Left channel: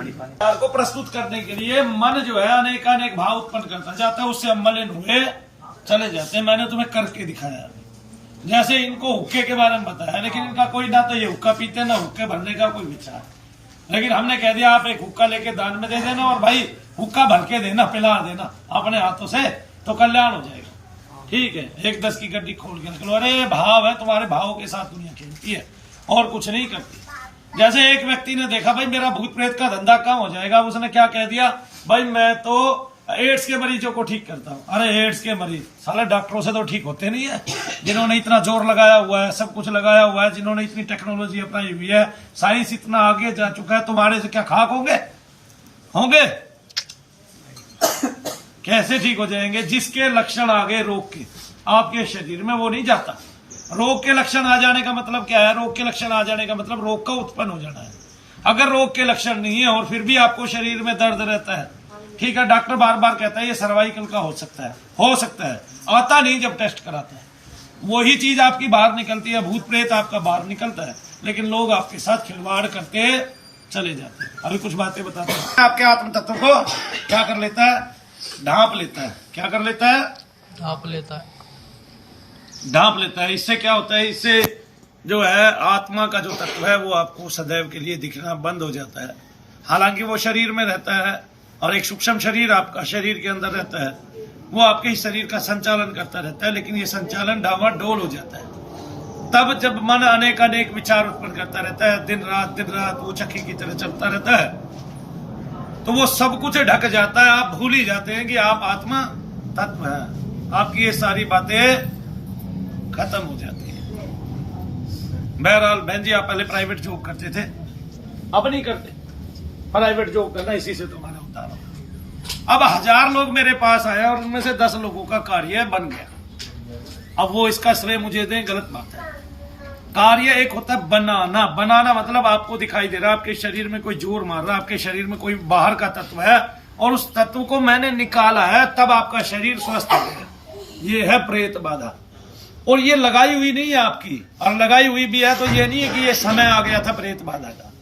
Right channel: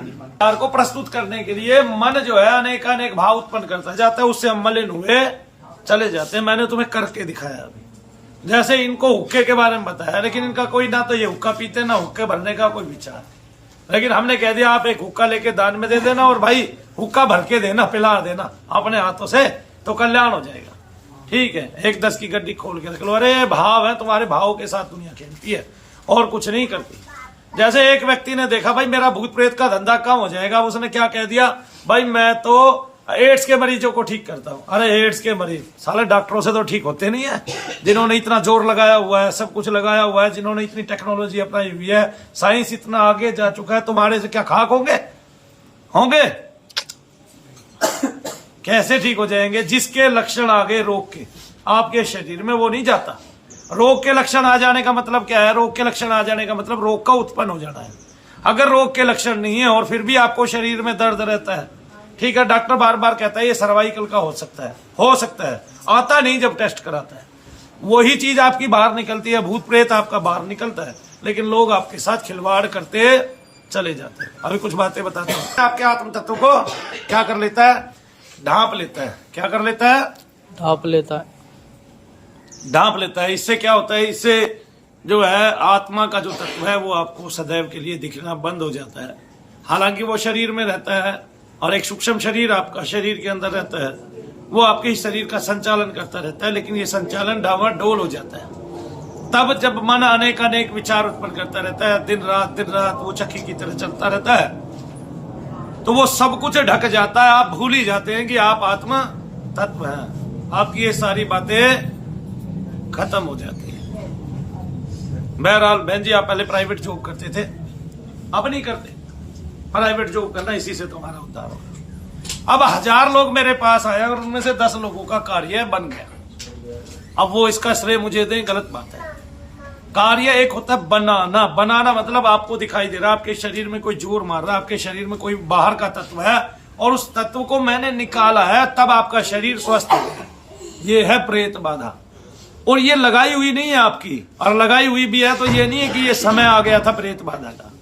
विचार को प्रस्तुत करने के लिए मन जो है अनेक भाव उत्पन्न करता जाता है, उससे हम मलिन हुए चले जाते हैं। मैंने तुम्हें करके दिखाया अभी, जैसे इनको हुक्के के बारे में बताया, लेकिन इनका कोई ना तो ये हुक्का पीते ना हुक्के भरने का कोई विचार, लेकिन हमने कह दिया आप एक हुक्का लेके दान में दे देना और भाई हुक्का भर के देना, पिला देना अपने हाथों से, तो कल्याण हो जाएगा। ठीक है, 1-10 की गड्डी खोल के रख लो। अरे भाव है, तुम्हारे भाव के साथ दुनिया खेलती है और कुछ नहीं करती। जैसे एक व्यक्ति ने देखा भाई मेरा भूत प्रेत का धंधा कम हो जाएगा, उसने क्या कह दिया, भाई मैं तो एड्स के मरीजों को ठीक करता हूं। अरे एड्स के मरीज साले डॉक्टरों से तो ठीक होते नहीं है, जिन्होंने इतना जोर लगाया हुआ है, सब कुछ लगाया हुआ है, जिन्होंने इतनी टेक्नोलॉजी अपनाई हुई है, साइंस इतना आगे जा चुका है, तुम्हारे से क्या खाक होंगे कैसे ठीक हो जाएंगे? जिसके लक्षण आ गए रोग के आपके शरीर में, वो नहीं जाता। रोग के लक्षण आ जाने का मतलब क्या है? रोग के लक्षण आ जाने का मतलब रोग का उत्पन्न हो जाना है। अगर रोग के लक्षण नहीं है और फिर भी आपको शरीर में दर्द रहता है, ठीक है, डॉक्टर बार बार कहता है ये सर्वाइकल का हो सकता है, आता नहीं जब टेस्ट कराता है, वही चीज आपकी बाहर निकलती है, भूत प्रेत आपका बाहर निकलता है, लेकिन लोग आपके साथ खिलवाड़ करते चले जाते हैं। अभी कुछ बातें बताता हूँ। आपके आत्म तत्व को क्या कर लेता है? ढांप लेता है। क्या कर लेता है? ढांप लेता है। इससे क्या होता है? इससे जो है आत्मा का जो तत्व है वो आपको सदैव के लिए दिखना बंद हो जाता है। हालांकि वो शरीर में रहता है और एक सूक्ष्म शरीर आपका शरीर के अंदर रहता है, वो आपके शरीर का संचालन करता रहता है, लेकिन ये संचालन डावाडोल हो जाता है तब जब मन अनेक विचार उत्पन्न करता रहता है, दिन रात वो चक्की की तरह चलता रहता है, तो वो सब कुछ ढक जाता है। आप भूल ही जाते हैं कि आप आत्मा तत्व हैं। आपकी ये सारी बातें खत्म हो जाती हैं। बहरहाल बहन जी, आप पहले प्राइवेट जॉब करते थे, अब नहीं करते। प्राइवेट जॉब करना, इसी से तुम्हारा उद्धार होगा। अब 1000 लोग मेरे पास आए और उनमें से 10 लोगों का कार्य बन गया। अब वो इसका श्रेय मुझे दें, गलत बात है। कार्य एक होता है बनाना मतलब आपको दिखाई दे रहा है आपके शरीर में कोई जोर मार रहा है, आपके शरीर में कोई बाहर का तत्व है और उस तत्व को मैंने निकाला है, तब आपका शरीर स्वस्थ हो गया। ये है प्रेत बाधा। और ये लगाई हुई नहीं है आपकी, और लगाई हुई भी है तो ये नहीं है कि ये समय आ गया था प्रेत बाधा का।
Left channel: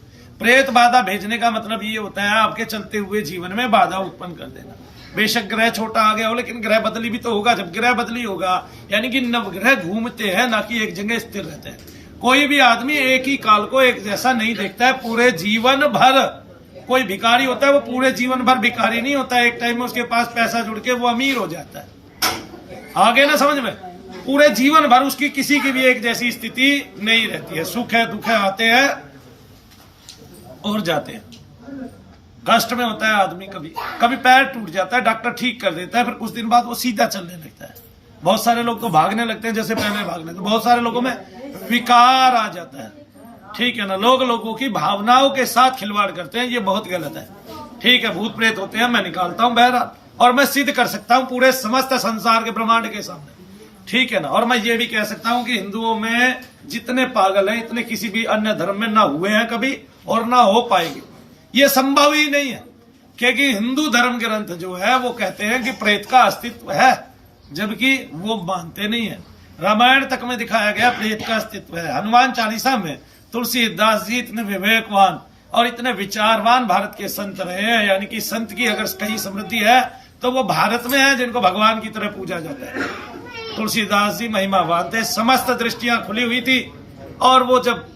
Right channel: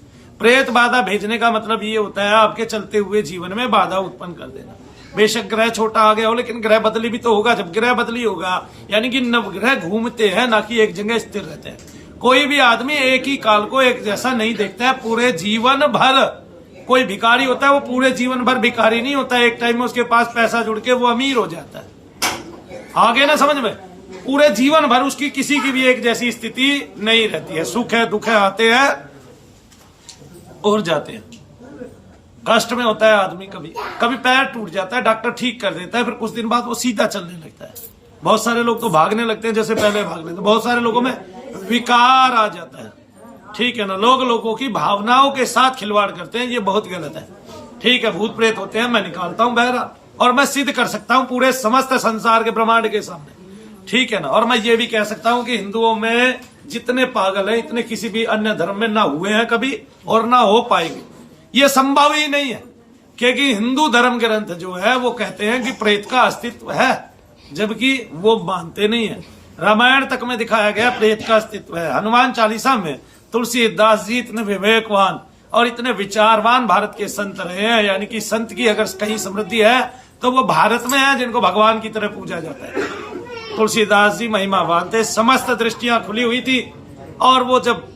प्रेत बाधा भेजने का मतलब ये होता है आपके चलते हुए जीवन में बाधा उत्पन्न कर देना। बेशक ग्रह छोटा आ गया हो, लेकिन ग्रह बदली भी तो होगा। जब ग्रह बदली होगा यानी कि नवग्रह घूमते हैं, ना कि एक जगह स्थिर रहते हैं। कोई भी आदमी एक ही काल को एक जैसा नहीं देखता है पूरे जीवन भर। कोई भिखारी होता है वो पूरे जीवन भर भिखारी नहीं होता है, एक टाइम में उसके पास पैसा जुड़ के वो अमीर हो जाता है। आगे ना समझ में? पूरे जीवन भर उसकी किसी की भी एक जैसी स्थिति नहीं रहती है। सुख है दुख है, आते हैं और जाते हैं। कष्ट में होता है आदमी, कभी पैर टूट जाता है, डॉक्टर ठीक कर देता है, फिर कुछ दिन बाद वो सीधा चलने लगता है। बहुत सारे लोग तो भागने लगते हैं जैसे पहले भागने थे। बहुत सारे लोगों में विकार आ जाता है। ठीक है ना, लोगों की भावनाओं के साथ खिलवाड़ करते हैं, ये बहुत गलत है। ठीक है, भूत प्रेत होते हैं, मैं निकालता हूं बहरा, और मैं सिद्ध कर सकता हूं पूरे समस्त संसार के ब्रह्मांड के सामने। ठीक है ना, और मैं ये भी कह सकता हूं कि हिंदुओं में जितने पागल हैं इतने किसी भी अन्य धर्म में ना हुए हैं कभी और ना हो पाएंगे। ये संभव ही नहीं है, क्योंकि हिंदू धर्म ग्रंथ जो है वो कहते हैं कि प्रेत का अस्तित्व है, जबकि वो मानते नहीं है। रामायण तक में दिखाया गया प्रेत का अस्तित्व है। हनुमान चालीसा में तुलसीदास जी इतने विवेकवान और इतने विचारवान भारत के संत रहे हैं, यानी कि संत की अगर कहीं समृद्धि है तो वो भारत में है, जिनको भगवान की तरह पूजा जाता है। तुलसीदास जी महिमावान थे, समस्त दृष्टियां खुली हुई थी, और वो जब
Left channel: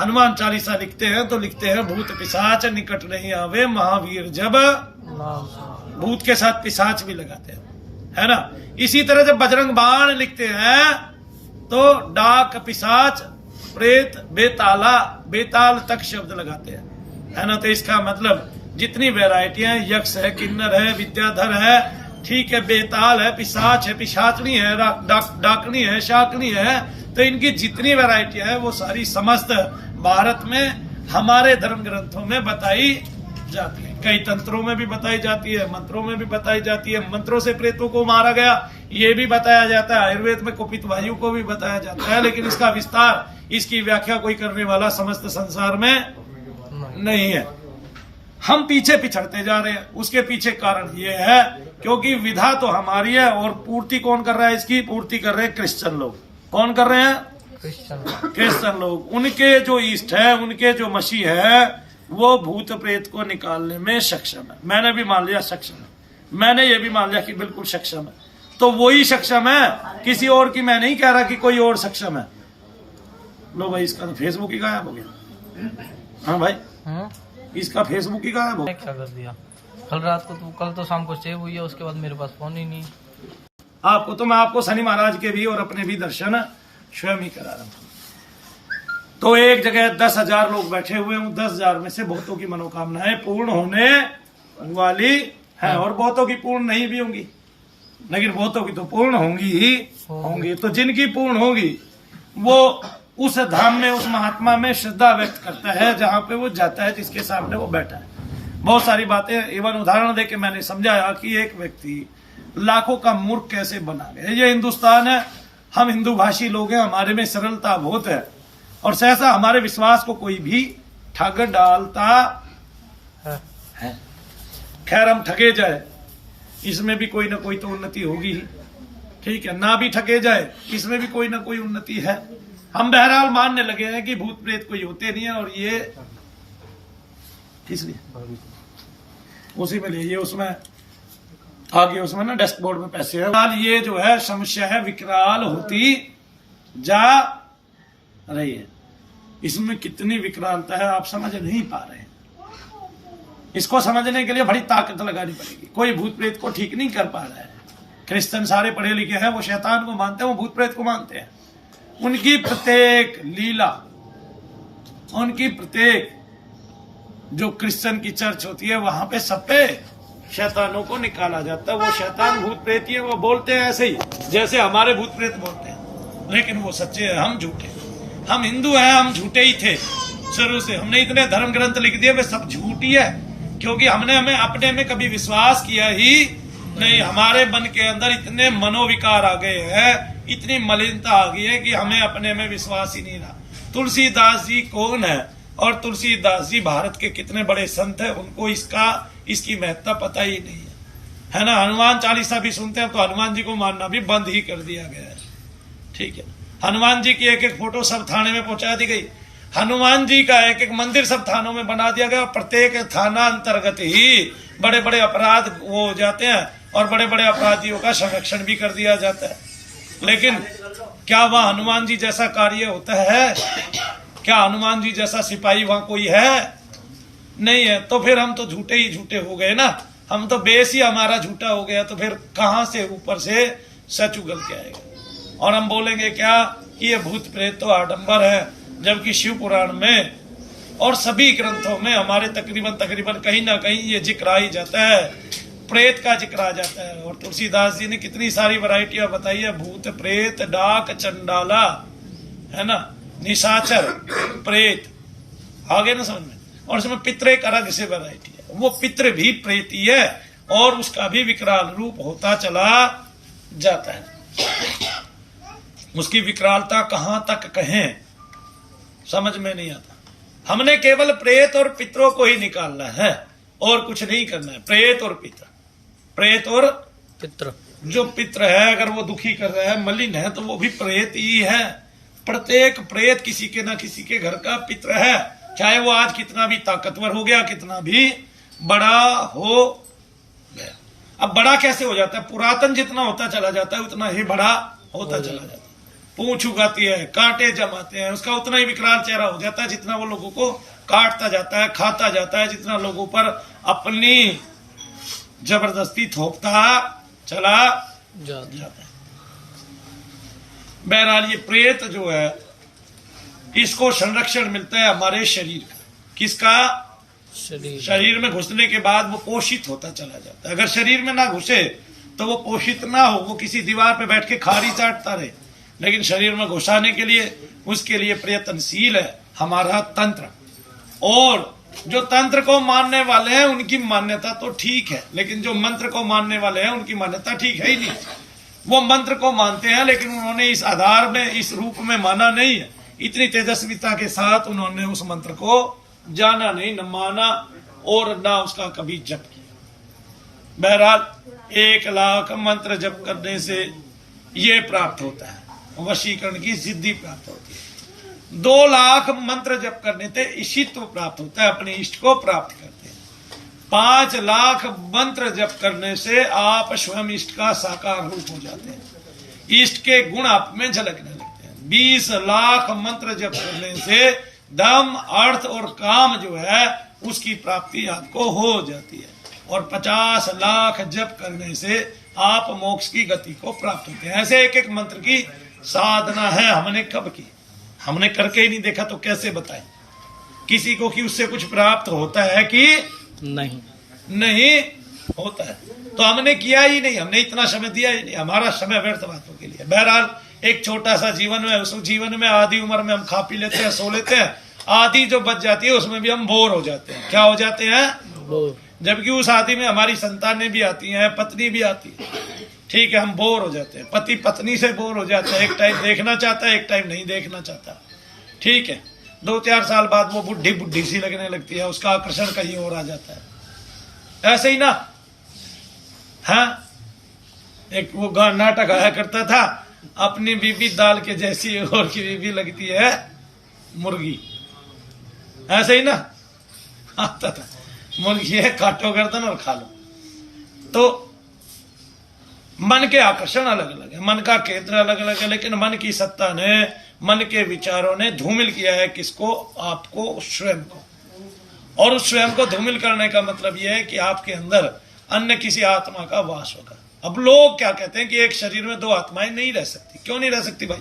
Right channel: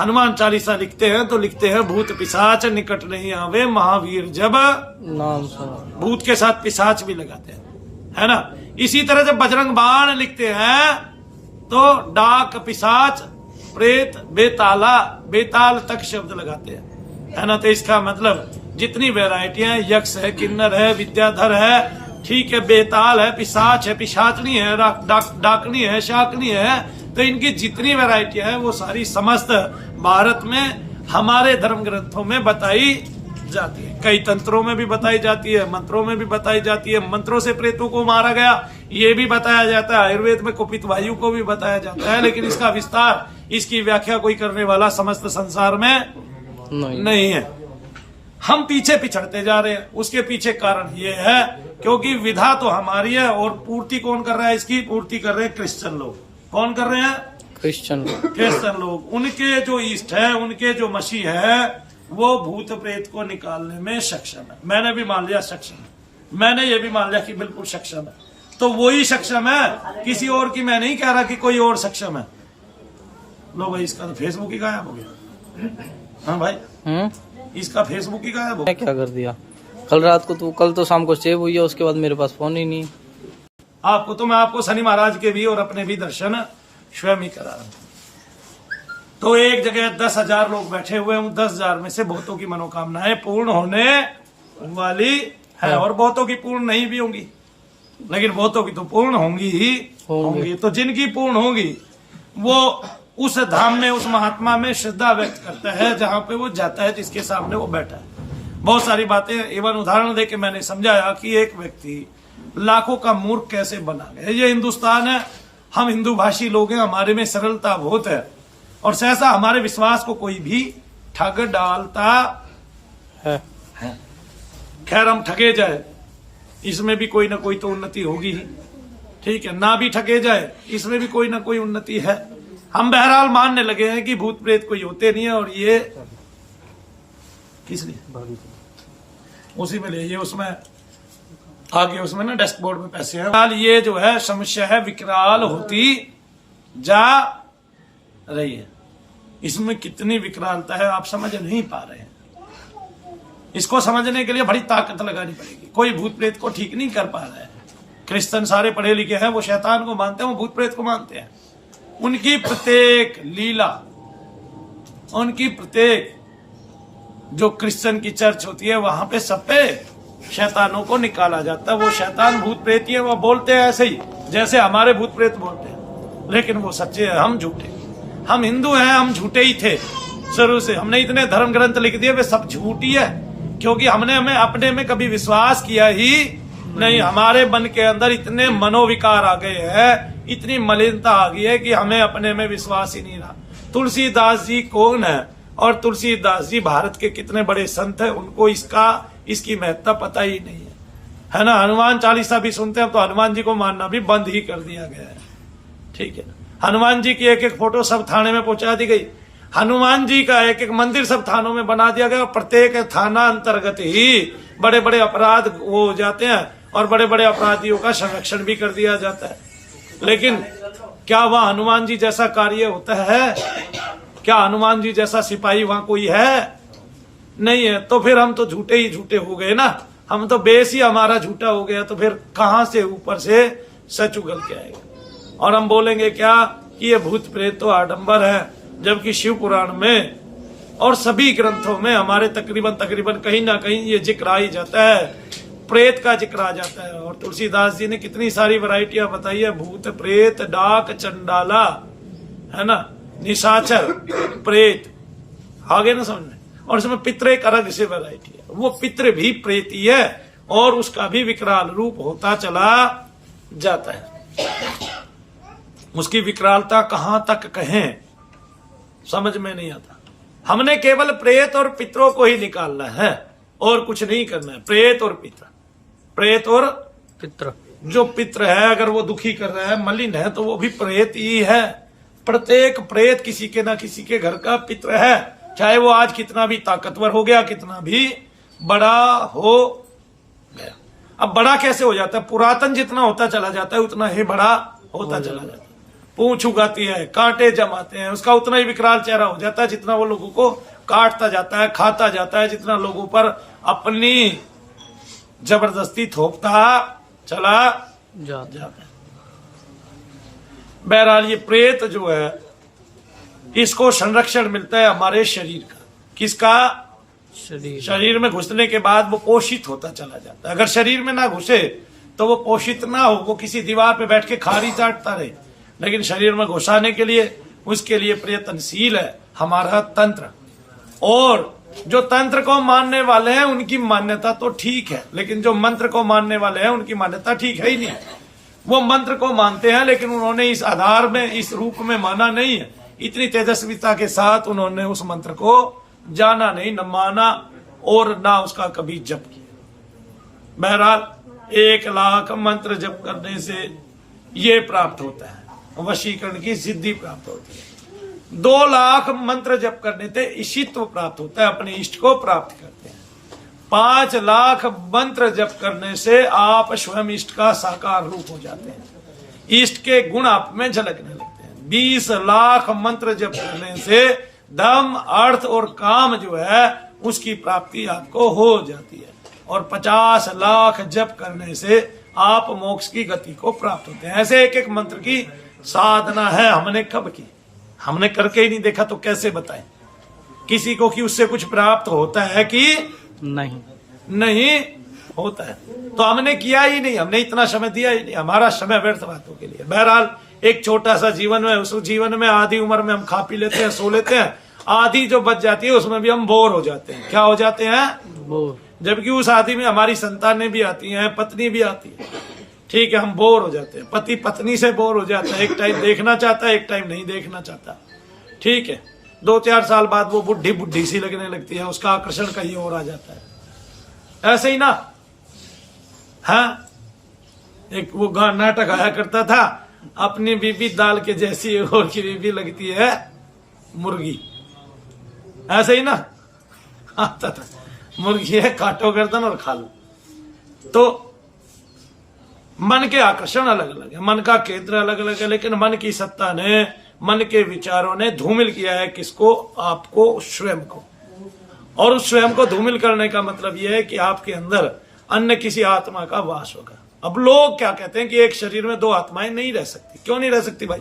हनुमान चालीसा लिखते हैं तो लिखते हैं भूत पिशाच निकट नहीं आवे महावीर जब नाम। भूत के साथ पिशाच भी लगाते हैं, है ना। इसी तरह जब बजरंग बाण लिखते हैं तो डाक पिशाच प्रेत बेताल तक शब्द लगाते हैं, है ना। तो इसका मतलब जितनी वैरायटियां, यक्ष है, किन्नर है, विद्याधर है, ठीक है, बेताल है, पिशाच है, पिशाचनी है, डाकनी है, शाकनी है, तो इनकी जितनी वैरायटियां है वो सारी समस्त भारत में हमारे धर्म ग्रंथों में बताई जाती है। कई तंत्रों में भी बताई जाती है, मंत्रों में भी बताई जाती है। मंत्रों से प्रेतों को मारा गया ये भी बताया जाता है। आयुर्वेद में कुपित वायु को भी बताया जाता है, लेकिन इसका विस्तार, इसकी व्याख्या कोई करने वाला समस्त संसार में नहीं है। हम पीछे पिछड़ते जा रहे हैं। उसके पीछे कारण ये है क्योंकि विधा तो हमारी है और पूर्ति कौन कर रहा है? इसकी पूर्ति कर रहे हैं क्रिश्चियन लोग। कौन कर रहे हैं? क्रिश्चियन लोग। उनके जो ईस्ट है, उनके जो मसीह है, वो भूत प्रेत को निकालने में सक्षम है। मैंने भी मान लिया सक्षम है, मैंने ये भी मान लिया कि बिल्कुल सक्षम है, तो वही सक्षम है, किसी और की मैं नहीं कह रहा कि कोई और सक्षम है। लो भाई, इसका तो फेसबुक ही गायब हो गया। हाँ भाई, इसका फेसबुक ही गायब हो गया। क्या कर दिया कल रात को? कल तो शाम को सेव हुई है, उसके बाद मेरे पास फोन ही नहीं। आपको तो मैं आपको शनि महाराज के भी और अपने भी दर्शन स्वयं ही करा रहा हूं। तो एक जगह 10,000 लोग बैठे हुए हैं, 10,000 में से बहुतों की मनोकामनाएं पूर्ण होने वाली है और बहुतों की पूर्ण नहीं भी होंगी, लेकिन बहुतों की तो पूर्ण होंगी ही होंगी। तो जिनकी पूर्ण होगी वो उस धाम में, उस महात्मा में श्रद्धा व्यक्त करता है जहां पे वो जाता है, जिसके सामने वो बैठा है। बहुत सारी बातें एवं उदाहरण देके मैंने समझाया कि एक व्यक्ति लाखों का मूर्ख कैसे बना गया। ये हिंदुस्तान है, हम हिंदू भाषी लोग हैं, हमारे में सरलता बहुत है और सहसा हमारे विश्वास को कोई भी ठग डालता है। खैर, हम ठगे जाए इसमें भी कोई ना कोई तो उन्नति होगी ही, ठीक है, ना भी ठगे जाए इसमें भी कोई ना कोई उन्नति है। हम बहरहाल मानने लगे हैं कि भूत प्रेत कोई होते नहीं है और ये किस लिए उसी में ले, ये उसमें आगे उसमें ना डैशबोर्ड में पैसे हैं। ये जो है समस्या है विकराल होती जा रही है। इसमें कितनी विकरालता है आप समझ नहीं पा रहे हैं। इसको समझने के लिए बड़ी ताकत लगानी पड़ेगी। कोई भूत प्रेत को ठीक नहीं कर पा रहा है। क्रिश्चियन सारे पढ़े लिखे हैं, वो शैतान को मानते हैं, वो भूत प्रेत को मानते हैं। उनकी प्रत्येक लीला, उनकी प्रत्येक जो क्रिश्चियन की चर्च होती है वहां पे सब पे शैतानों को निकाला जाता है। वो शैतान भूत प्रेत ही है, वो बोलते हैं ऐसे ही जैसे हमारे भूत प्रेत बोलते हैं, लेकिन वो सच्चे हैं, हम झूठे। हम हिंदू हैं, हम झूठे ही थे शुरू से। हमने इतने धर्म ग्रंथ लिख दिए, वे सब झूठ ही है, क्योंकि हमने हमें अपने में कभी विश्वास किया ही नहीं। हमारे मन के अंदर इतने मनोविकार आ गए हैं, इतनी मलिनता आ गई है कि हमें अपने में विश्वास ही नहीं रहा। तुलसीदास जी कौन है और तुलसीदास जी भारत के कितने बड़े संत हैं, उनको इसकी महत्ता पता ही नहीं है ना। हनुमान चालीसा भी सुनते हैं तो हनुमान जी को मानना भी बंद ही कर दिया गया है, ठीक है। हनुमान जी की एक एक फोटो सब थाने में पहुंचा दी गई। हनुमान जी का एक एक मंदिर सब थानों में बना दिया गया। प्रत्येक थाना अंतर्गत ही बड़े बड़े अपराध वो हो जाते हैं और बड़े बड़े अपराधियों का संरक्षण भी कर दिया जाता है। लेकिन क्या वह हनुमान जी जैसा कार्य होता है? क्या हनुमान जी जैसा सिपाही वहां कोई है? नहीं है। तो फिर हम तो झूठे ही झूठे हो गए ना। हम तो बेस ही हमारा झूठा हो गया, तो फिर कहां से ऊपर से सच उगल के आएगा। और हम बोलेंगे क्या कि ये भूत प्रेत तो आडंबर है, जबकि शिव पुराण में और सभी ग्रंथों में हमारे तकरीबन कहीं ना कहीं ये जिक्र आ ही जाता है, प्रेत का जिक्र आ जाता है। और तुलसीदास जी ने कितनी सारी वैरायटियां बताई है, भूत प्रेत डाक चंडाला, है ना, निशाचर प्रेत, आगे ना समझ में। और इसमें पितृ एक अलग से वैरायटी है, वो पितृ भी प्रेत ही है और उसका भी विकराल रूप होता चला जाता है। उसकी विकरालता कहां तक कहें समझ में नहीं आता। हमने केवल प्रेत और पितरों को ही निकालना है और कुछ नहीं करना है। प्रेत और पितर, प्रेत और पितर, जो पितर है अगर वो दुखी कर रहा है, मलिन है, तो वो भी प्रेत ही है। प्रत्येक प्रेत किसी के ना किसी के घर का पितर है, चाहे वो आज कितना भी ताकतवर हो गया, कितना भी बड़ा हो गया। अब बड़ा कैसे हो जाता है? पुरातन जितना होता चला जाता है उतना ही बड़ा होता चला जाता है। पूंछ उगाती है, कांटे जमाते हैं, उसका उतना ही विकराल चेहरा हो जाता है जितना वो लोगों को काटता जाता है, खाता जाता है, जितना लोगों पर अपनी जबरदस्ती थोपता चला जाता है। बहरहाल ये प्रेत जो है, इसको संरक्षण मिलता है हमारे शरीर का। किसका? शरीर में घुसने के बाद वो पोषित होता चला जाता है। अगर शरीर में ना घुसे तो वो पोषित ना हो, वो किसी दीवार पे बैठ के खारी चाटता रहे। लेकिन शरीर में घुसाने के लिए, उसके लिए प्रयत्नशील है हमारा तंत्र। और जो तंत्र को मानने वाले हैं उनकी मान्यता तो ठीक है, लेकिन जो मंत्र को मानने वाले हैं उनकी मान्यता ठीक है ही नहीं। वो मंत्र को मानते हैं लेकिन उन्होंने इस आधार में, इस रूप में माना नहीं है। इतनी तेजस्विता के साथ उन्होंने उस मंत्र को जाना नहीं, न माना और ना उसका कभी जप किया। बहरहाल 1 लाख मंत्र जप करने से ये प्राप्त होता है, वशीकरण की सिद्धि प्राप्त होती है। 2 लाख मंत्र जप करने से ईशित्व प्राप्त होता है, अपने इष्ट को प्राप्त करते हैं। 5 लाख मंत्र जप करने से आप स्वयं इष्ट का साकार रूप हो जाते हैं, इष्ट के गुण आप में झलकने लगते हैं। 20 लाख मंत्र जप करने से धर्म, अर्थ और काम जो है उसकी प्राप्ति आपको हो जाती है, और 50 लाख जप करने से आप मोक्ष की गति को प्राप्त होते हैं। ऐसे एक एक मंत्र की साधना है। हमने कब की? हमने करके ही नहीं देखा तो कैसे बताएं किसी को कि उससे कुछ प्राप्त होता है कि नहीं होता है। तो हमने किया ही नहीं, हमने इतना समय दिया ही नहीं, हमारा समय व्यर्थ बातों के लिए। बहरहाल एक छोटा सा जीवन है, उस जीवन में आधी उम्र में हम खा पी लेते हैं, सो लेते हैं, आधी जो बच जाती है उसमें भी हम बोर हो जाते हैं। क्या हो जाते हैं? बोर। जबकि उस आदि में हमारी संतानें भी आती हैं, पत्नी भी आती है, ठीक है, हम बोर हो जाते हैं। पति पत्नी से बोर हो जाता है, एक टाइम देखना चाहता है, एक टाइम नहीं देखना चाहता, ठीक है। 2-4 साल बाद वो बुढ़ी बुढ़ी सी लगने लगती है, उसका आकर्षण कहीं और आ जाता है। ऐसे ही ना, हाँ, एक वो नाटक आया करता था, अपनी बीबी दाल के जैसी और की बीबी लगती है मुर्गी। ऐसे ही ना आता था, मुर्गी है, काटो गर्दन और खा लो। तो मन के आकर्षण अलग अलग है, मन का केंद्र अलग अलग है, लेकिन मन की सत्ता ने, मन के विचारों ने धूमिल किया है किसको? आपको, स्वयं को। और उस स्वयं को धूमिल करने का मतलब यह है कि आपके अंदर अन्य किसी आत्मा का वास होगा। अब लोग क्या कहते हैं कि एक शरीर में 2 आत्माएं नहीं रह सकती। क्यों नहीं रह सकती भाई?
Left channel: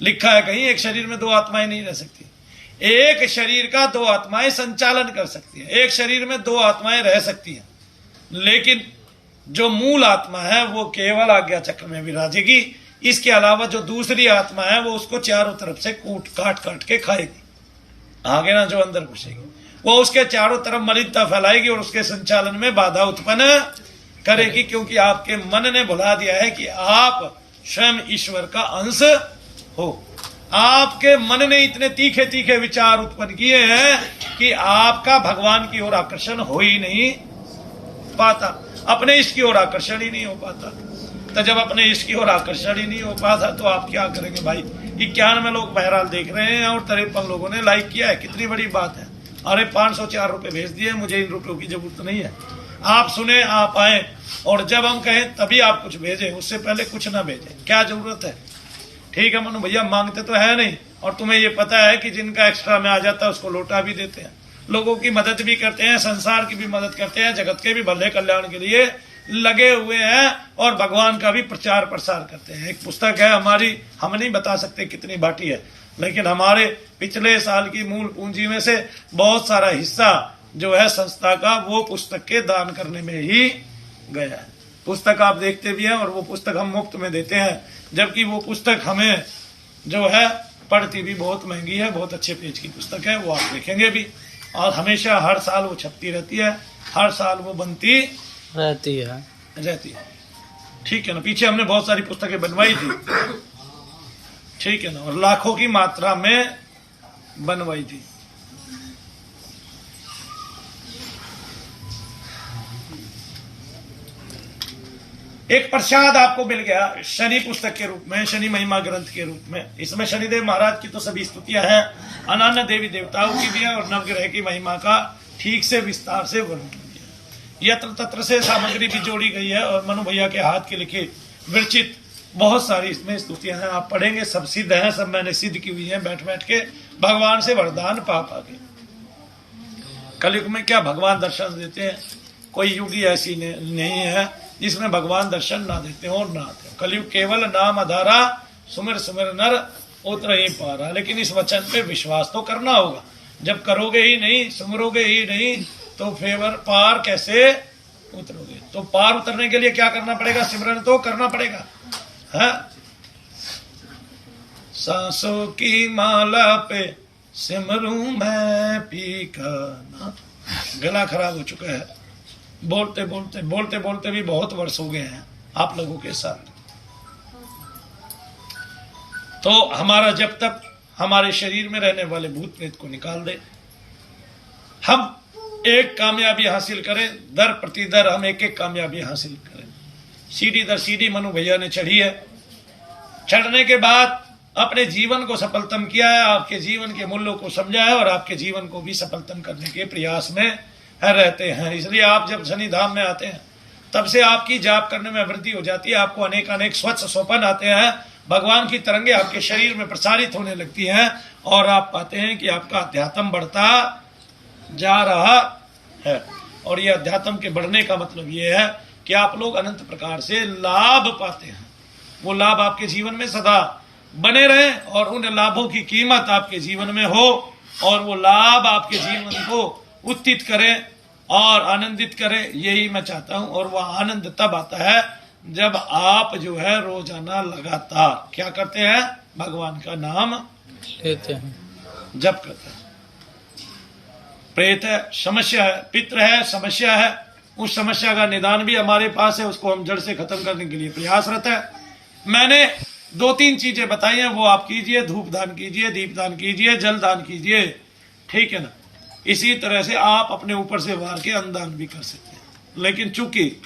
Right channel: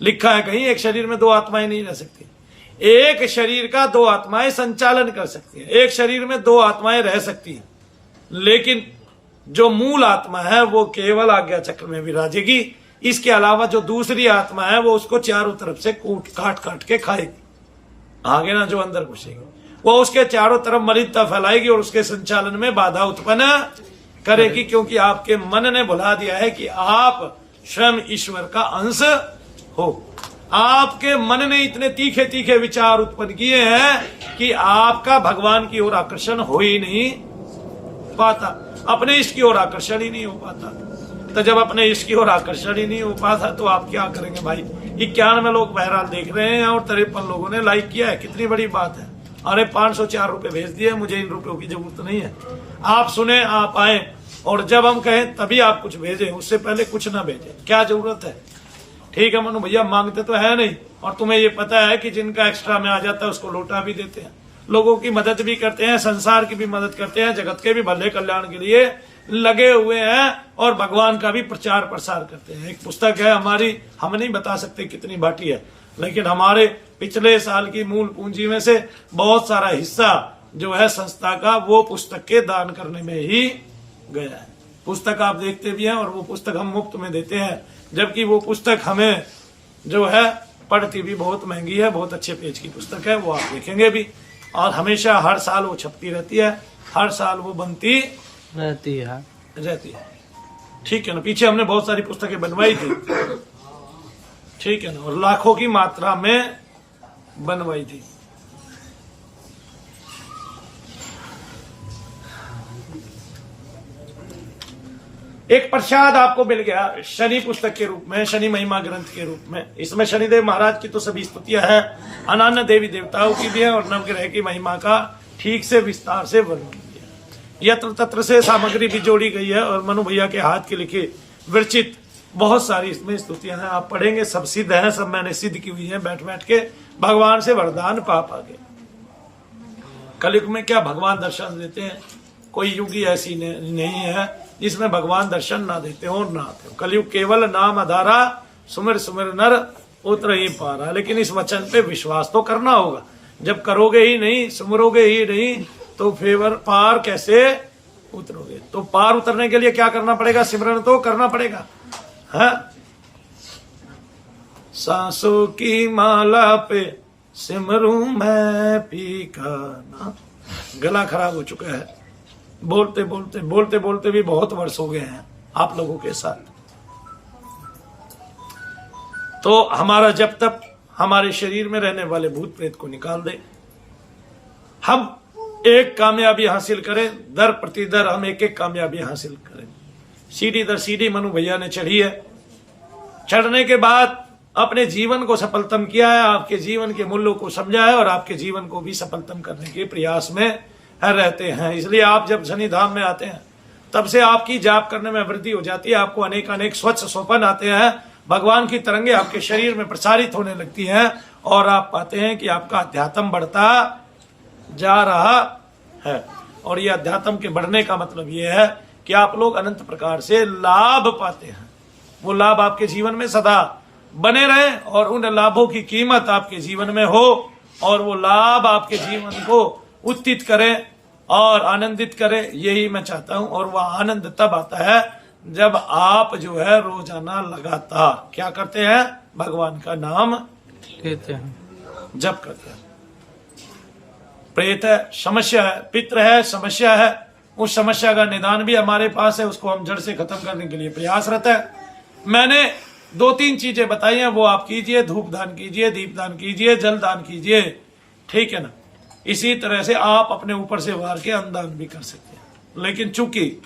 लिखा है कहीं एक शरीर में 2 आत्माएं नहीं रह सकती। एक शरीर का 2 आत्माएं संचालन कर सकती हैं, एक शरीर में 2 आत्माएं रह सकती हैं, लेकिन जो मूल आत्मा है वो केवल आज्ञा चक्र में विराजेगी। इसके अलावा जो दूसरी आत्मा है वो उसको चारों तरफ से काट काट के खाएगी, आगे ना जो अंदर घुसेगी, वो उसके चारों तरफ मलिनता फैलाएगी और उसके संचालन में बाधा उत्पन्न करेगी, क्योंकि आपके मन ने भुला दिया है कि आप स्वयं ईश्वर का अंश हो। आपके मन ने इतने तीखे तीखे विचार उत्पन्न किए हैं कि आपका भगवान की ओर आकर्षण हो ही नहीं पाता, अपने इष्ट की ओर आकर्षण ही नहीं हो पाता। तो जब अपने इष्ट की ओर आकर्षण ही नहीं हो पाता तो आप क्या करेंगे भाई? 91 लोग बहरहाल देख रहे हैं और 53 लोगों ने लाइक किया है, कितनी बड़ी बात है। अरे 504 रुपए भेज दिए, मुझे इन रुपयों की जरूरत नहीं है। आप सुने, आप आए, और जब हम कहें तभी आप कुछ भेजें, उससे पहले कुछ ना भेजें, क्या जरूरत है? ठीक है मनु भैया, मांगते तो है नहीं, और तुम्हें ये पता है कि जिनका एक्स्ट्रा में आ जाता है उसको लौटा भी देते हैं, लोगों की मदद भी करते हैं, संसार की भी मदद करते हैं, जगत के भी भले कल्याण के लिए लगे हुए हैं, और भगवान का भी प्रचार प्रसार करते हैं। एक पुस्तक है हमारी, हम नहीं बता सकते कितनी बाटी है, लेकिन हमारे पिछले साल की मूल पूंजी में से बहुत सारा हिस्सा जो है संस्था का, वो पुस्तक के दान करने में ही गया है। पुस्तक आप देखते भी हैं, और वो पुस्तक हम मुफ्त में देते हैं, जबकि वो पुस्तक हमें जो है पढ़ती भी बहुत महंगी है। बहुत अच्छे पेज की पुस्तक है, वो आप देखेंगे भी, और हमेशा हर साल वो छपती रहती है, हर साल वो बनती रहती है। ठीक है ना, पीछे हमने बहुत सारी पुस्तकें बनवाई थी, ठीक है ना, और लाखों की मात्रा में बनवाई थी। एक प्रसाद आपको मिल गया शनि पुस्तक के रूप में, शनि महिमा ग्रंथ के रूप में। इसमें शनिदेव महाराज की तो सभी स्तुतियां हैं, अनन्य देवी देवताओं की भी है, और नवग्रह की महिमा का ठीक से विस्तार से वर्णन किया है। यत्र तत्र से सामग्री भी जोड़ी गई है, और मनु भैया के हाथ के लिखे विरचित बहुत सारी इसमें स्तुतियां हैं। आप पढ़ेंगे, सब सिद्ध हैं, सब मैंने सिद्ध की हुई है बैठ बैठ के, भगवान से वरदान पा के। कलयुग में क्या भगवान दर्शन देते हैं? कोई युग ही ऐसी नहीं है जिसमें भगवान दर्शन ना देते हो और ना आते हो। कलयुग केवल नाम आधारा, सुमिर सुमिर नर उतर ही पारा। लेकिन इस वचन पे विश्वास तो करना होगा। जब करोगे ही नहीं, सुमरोगे ही नहीं, तो फिर पार कैसे उतरोगे? तो पार उतरने के लिए क्या करना पड़ेगा? सिमरन तो करना पड़ेगा, है? सांसों की माला पे सिमरूं मैं पी का ना। गला खराब हो चुका है, बोलते बोलते भी बहुत वर्ष हो गए हैं आप लोगों के साथ। तो हमारा जब तक हमारे शरीर में रहने वाले भूत प्रेत को निकाल दे, हम एक कामयाबी हासिल करें, दर प्रति दर हम एक एक कामयाबी हासिल करें। सीढ़ी दर सीढ़ी मनु भैया ने चढ़ी है। चढ़ने के बाद अपने जीवन को सफलतम किया है, आपके जीवन के मूल्यों को समझा है और आपके जीवन को भी सफलतम करने के प्रयास में रहते हैं। इसलिए आप जब शनि धाम में आते हैं तब से आपकी जाप करने में वृद्धि हो जाती है, आपको अनेक अनेक स्वच्छ स्वप्न आते हैं, भगवान की तरंगे आपके शरीर में प्रसारित होने लगती हैं और आप पाते हैं कि आपका अध्यात्म बढ़ता जा रहा है। और यह अध्यात्म के बढ़ने का मतलब यह है कि आप लोग अनंत प्रकार से लाभ पाते हैं। वो लाभ आपके जीवन में सदा बने रहे और उन लाभों की कीमत आपके जीवन में हो और वो लाभ आपके जीवन को उत्थित करे और आनंदित करे, यही मैं चाहता हूं। और वह आनंद तब आता है जब आप जो है रोजाना लगातार क्या करते हैं, भगवान का नाम लेते हैं, जप करते हैं। प्रेत है, समस्या है, पितृ है, समस्या है, उस समस्या का निदान भी हमारे पास है, उसको हम जड़ से खत्म करने के लिए प्रयासरत है। मैंने 2-3 चीजें बताई हैं, वो आप कीजिए, धूप दान कीजिए, दीप दान कीजिए, जल दान कीजिए, ठीक है ना। इसी तरह से आप अपने ऊपर से वार के अन्नदान भी कर सकते हैं। लेकिन चूंकि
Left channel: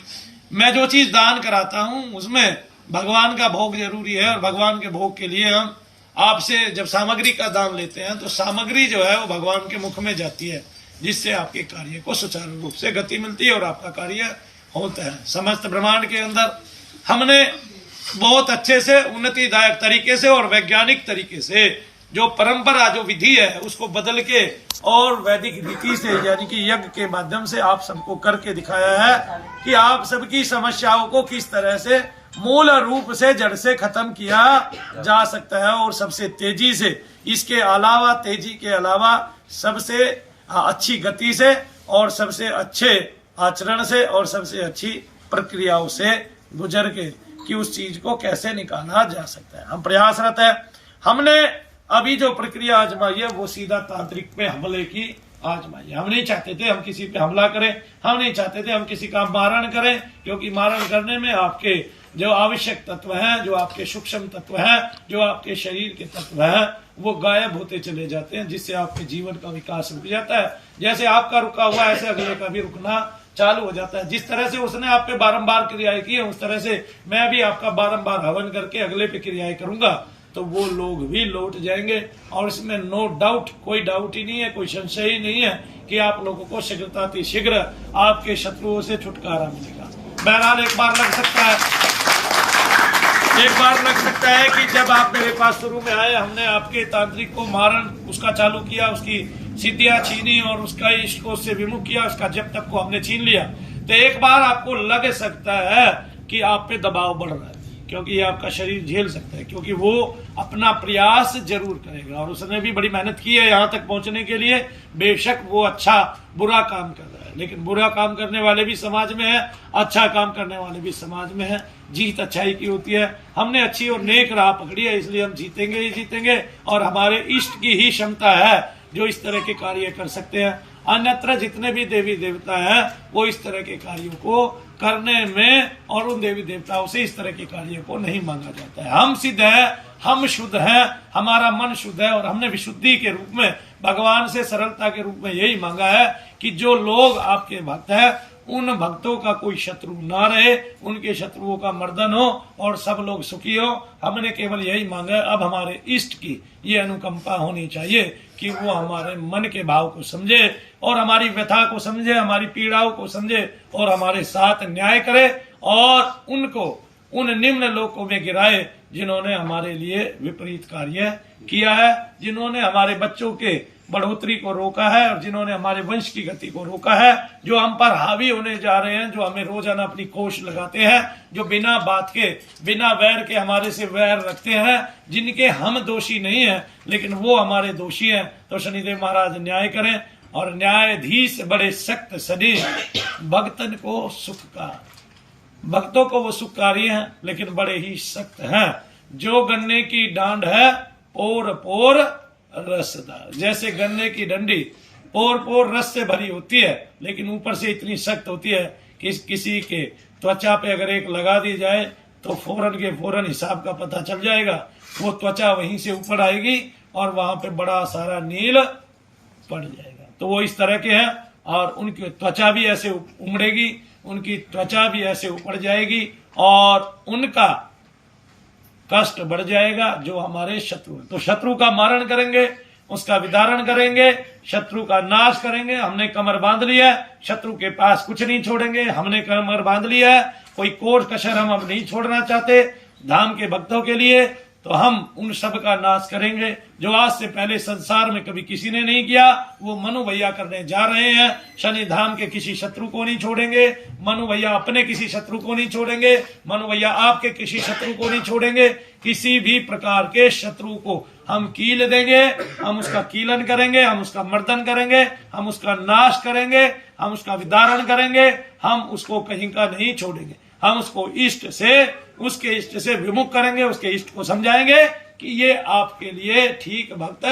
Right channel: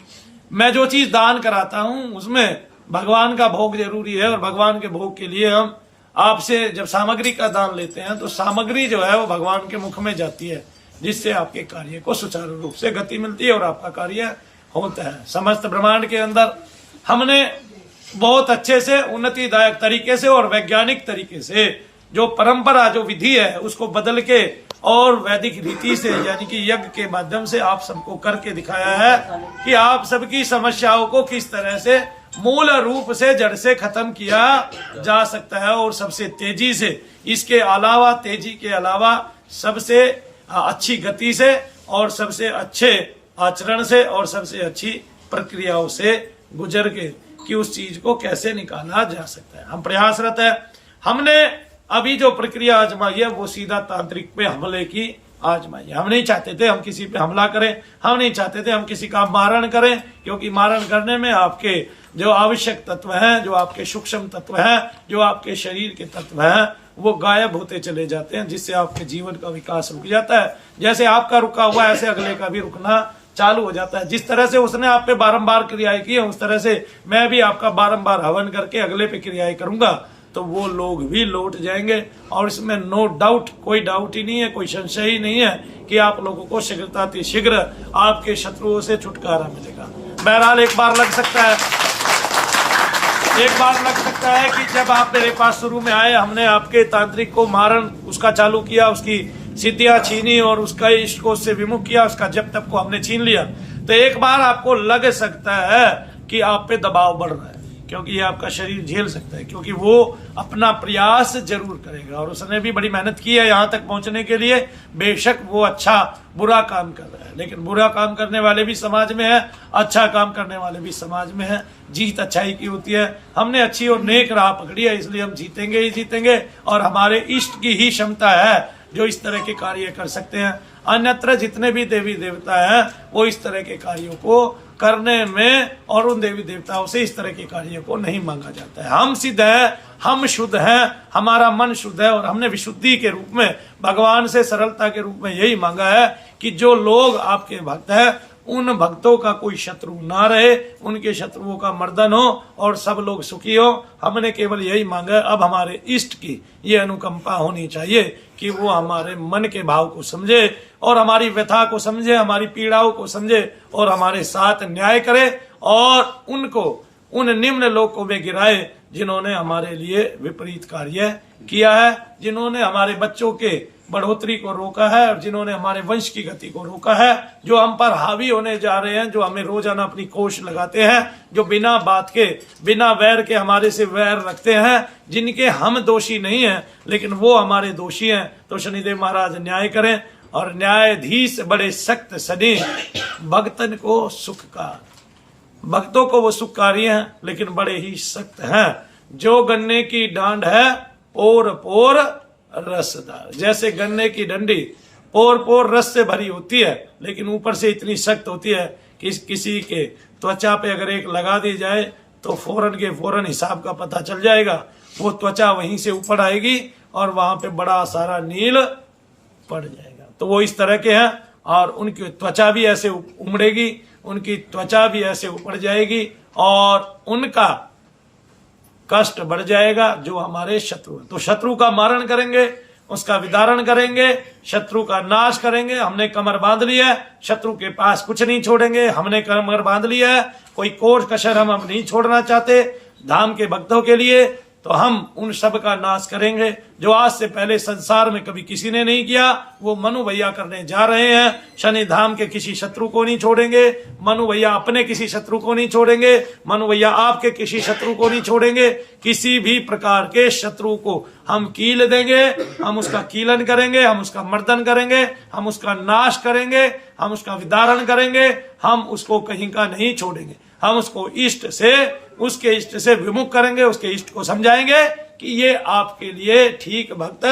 मैं जो चीज दान कराता हूं उसमें भगवान का भोग जरूरी है और भगवान के भोग के लिए हम आपसे जब सामग्री का दान लेते हैं तो सामग्री जो है वो भगवान के मुख में जाती है, जिससे आपके कार्य को सुचारू रूप से गति मिलती है और आपका कार्य होता है। समस्त ब्रह्मांड के अंदर हमने बहुत अच्छे से उन्नतिदायक तरीके से और वैज्ञानिक तरीके से जो परंपरा जो विधि है उसको बदल के और वैदिक रीति से यानी कि यज्ञ के माध्यम से आप सबको करके दिखाया है कि आप सबकी समस्याओं को किस तरह से मूल रूप से जड़ से खत्म किया जा सकता है और सबसे तेजी से। इसके अलावा तेजी के अलावा सबसे अच्छी गति से और सबसे अच्छे आचरण से और सबसे अच्छी प्रक्रियाओं से गुजर के कि उस चीज को कैसे निकाला जा सकता है। हम प्रयासरत है। हमने अभी जो प्रक्रिया आजमाई है वो सीधा तांत्रिक पे हमले की आजमाई है। हम नहीं चाहते थे हम किसी पे हमला करें, हम नहीं चाहते थे हम किसी का मारण करें, क्योंकि मारण करने में आपके जो आवश्यक तत्व हैं, जो आपके सूक्ष्म तत्व हैं, जो आपके शरीर के तत्व हैं, वो गायब होते चले जाते हैं, जिससे आपके जीवन का विकास रुक जाता है। जैसे आपका रुका हुआ ऐसे अगले का भी रुकना चालू हो जाता है। जिस तरह से उसने आप पे बारंबार क्रियाएं की है उस तरह से मैं भी आपका बारंबार हवन करके अगले पे क्रियाएं करूंगा तो वो लोग भी लौट जाएंगे। और इसमें नो डाउट, कोई डाउट ही नहीं है, कोई संशय ही नहीं है कि आप लोगों को शीघ्र आपके शत्रुओं से छुटकारा मिलेगा। बहरहाल एक बार लग सकता है कि जब आप मेरे पास शुरू में आए हमने आपके तांत्रिक को मारण उसका चालू किया, उसकी सिद्धियां छीनी और उसका इष्ट को उससे विमुख किया, उसका जब तक को हमने छीन लिया, तो एक बार आपको लग सकता है कि आप पे दबाव बढ़ रहा है, क्योंकि ये आपका शरीर झेल सकता है, क्योंकि वो अपना प्रयास जरूर करेगा और उसने भी बड़ी मेहनत की है यहाँ तक पहुंचने के लिए। बेशक वो अच्छा बुरा काम कर रहा है, लेकिन बुरा काम करने वाले भी समाज में है, अच्छा काम करने वाले भी समाज में है। जीत अच्छाई की होती है। हमने अच्छी और नेक राह पकड़ी है, इसलिए हम जीतेंगे ही जीतेंगे और हमारे इष्ट की ही क्षमता है जो इस तरह के कार्य कर सकते हैं। अन्यत्र जितने भी देवी देवता हैं वो इस तरह के कार्यों को करने में और उन देवी देवताओं से इस तरह के कार्य को नहीं मांगा जाता है। हम सिद्ध है, हम शुद्ध हैं, हमारा मन शुद्ध है और हमने विशुद्धि के रूप में भगवान से सरलता के रूप में यही मांगा है कि जो लोग आपके भक्त हैं उन भक्तों का कोई शत्रु ना रहे, उनके शत्रुओं का मर्दन हो और सब लोग सुखी हो। हमने केवल यही मांगा है। अब हमारे इष्ट की ये अनुकंपा होनी चाहिए कि वो हमारे मन के भाव को समझे और हमारी व्यथा को समझे, हमारी पीड़ाओं को समझे और हमारे साथ न्याय करे और उनको उन निम्न लोकों में गिराए जिन्होंने हमारे लिए विपरीत कार्य किया है, जिन्होंने हमारे बच्चों के बढ़ोतरी को रोका है और जिन्होंने हमारे वंश की गति को रोका है, जो हम पर हावी होने जा रहे हैं, जो हमें रोजाना अपनी कोश लगाते हैं, जो बिना बात के बिना वैर के हमारे से वैर रखते हैं, जिनके हम दोषी नहीं हैं लेकिन वो हमारे दोषी हैं। तो शनिदेव महाराज न्याय करें और न्यायाधीश बड़े सख्त सने भक्तन को सुखकार, भक्तों को वो सुखकारी हैं लेकिन बड़े ही सख्त हैं। जो गन्ने की डांड है पोर पोर रसदार, जैसे गन्ने की डंडी पोर पोर रस से भरी होती है लेकिन ऊपर से इतनी सख्त होती है कि किसी के त्वचा पे अगर एक लगा दी जाए तो फौरन के फौरन हिसाब का पता चल जाएगा। वो त्वचा वहीं से ऊपर आएगी और वहां पे बड़ा सारा नील पड़ जाएगा। तो वो इस तरह के हैं और उनकी त्वचा भी ऐसे उमड़ेगी, उनकी त्वचा भी ऐसे ऊपर जाएगी और उनका कष्ट बढ़ जाएगा जो हमारे शत्रु हैं। तो शत्रु का मारण करेंगे, उसका विदारण करेंगे, शत्रु का नाश करेंगे। हमने कमर बांध लिया है, शत्रु के पास कुछ नहीं छोड़ेंगे। हमने कमर बांध लिया है, कोई कोर कसर हम अब नहीं छोड़ना चाहते धाम के भक्तों के लिए। तो हम उन सब का नाश करेंगे जो आज से पहले संसार में कभी किसी ने नहीं किया, वो मनु भैया करने जा रहे हैं। शनि धाम के किसी शत्रु को नहीं छोड़ेंगे, मनु भैया अपने किसी शत्रु को नहीं छोड़ेंगे, मनु भैया आपके किसी शत्रु को नहीं छोड़ेंगे। किसी भी प्रकार के शत्रु को हम कील देंगे, हम उसका कीलन करेंगे, हम उसका मर्दन करेंगे, हम उसका नाश करेंगे, हम उसका विदारण करेंगे। हम उसको कहीं का नहीं छोड़ेंगे। हम उसको इष्ट से, उसके इष्ट से विमुख करेंगे, उसके इष्ट को समझाएंगे कि ये आपके लिए ठीक भक्त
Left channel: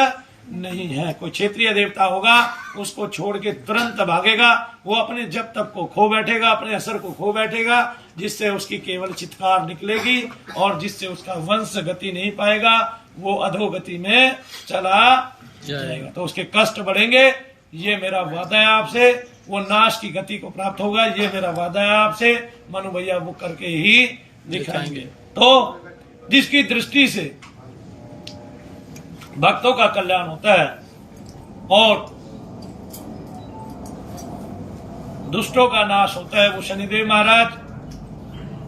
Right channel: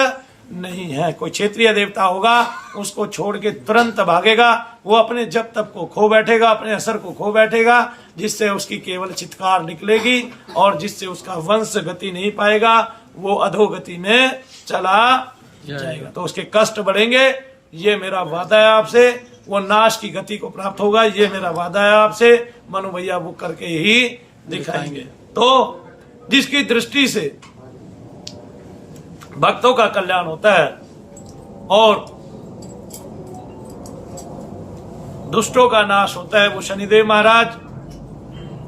नहीं है। कोई क्षेत्रीय देवता होगा, उसको छोड़ के तुरंत भागेगा, वो अपने जप तप को खो बैठेगा, अपने असर को खो बैठेगा, जिससे उसकी केवल चित्कार निकलेगी और जिससे उसका वंश गति नहीं पाएगा, वो अधोगति में चला जाएगा। तो उसके कष्ट बढ़ेंगे, ये मेरा वादा है आपसे। वो नाश की गति को प्राप्त होगा, ये मेरा वादा है आपसे। मनु भैया वो करके ही दिखाएंगे। तो जिसकी दृष्टि से भक्तों का कल्याण होता है और दुष्टों का नाश होता है, वो शनिदेव महाराज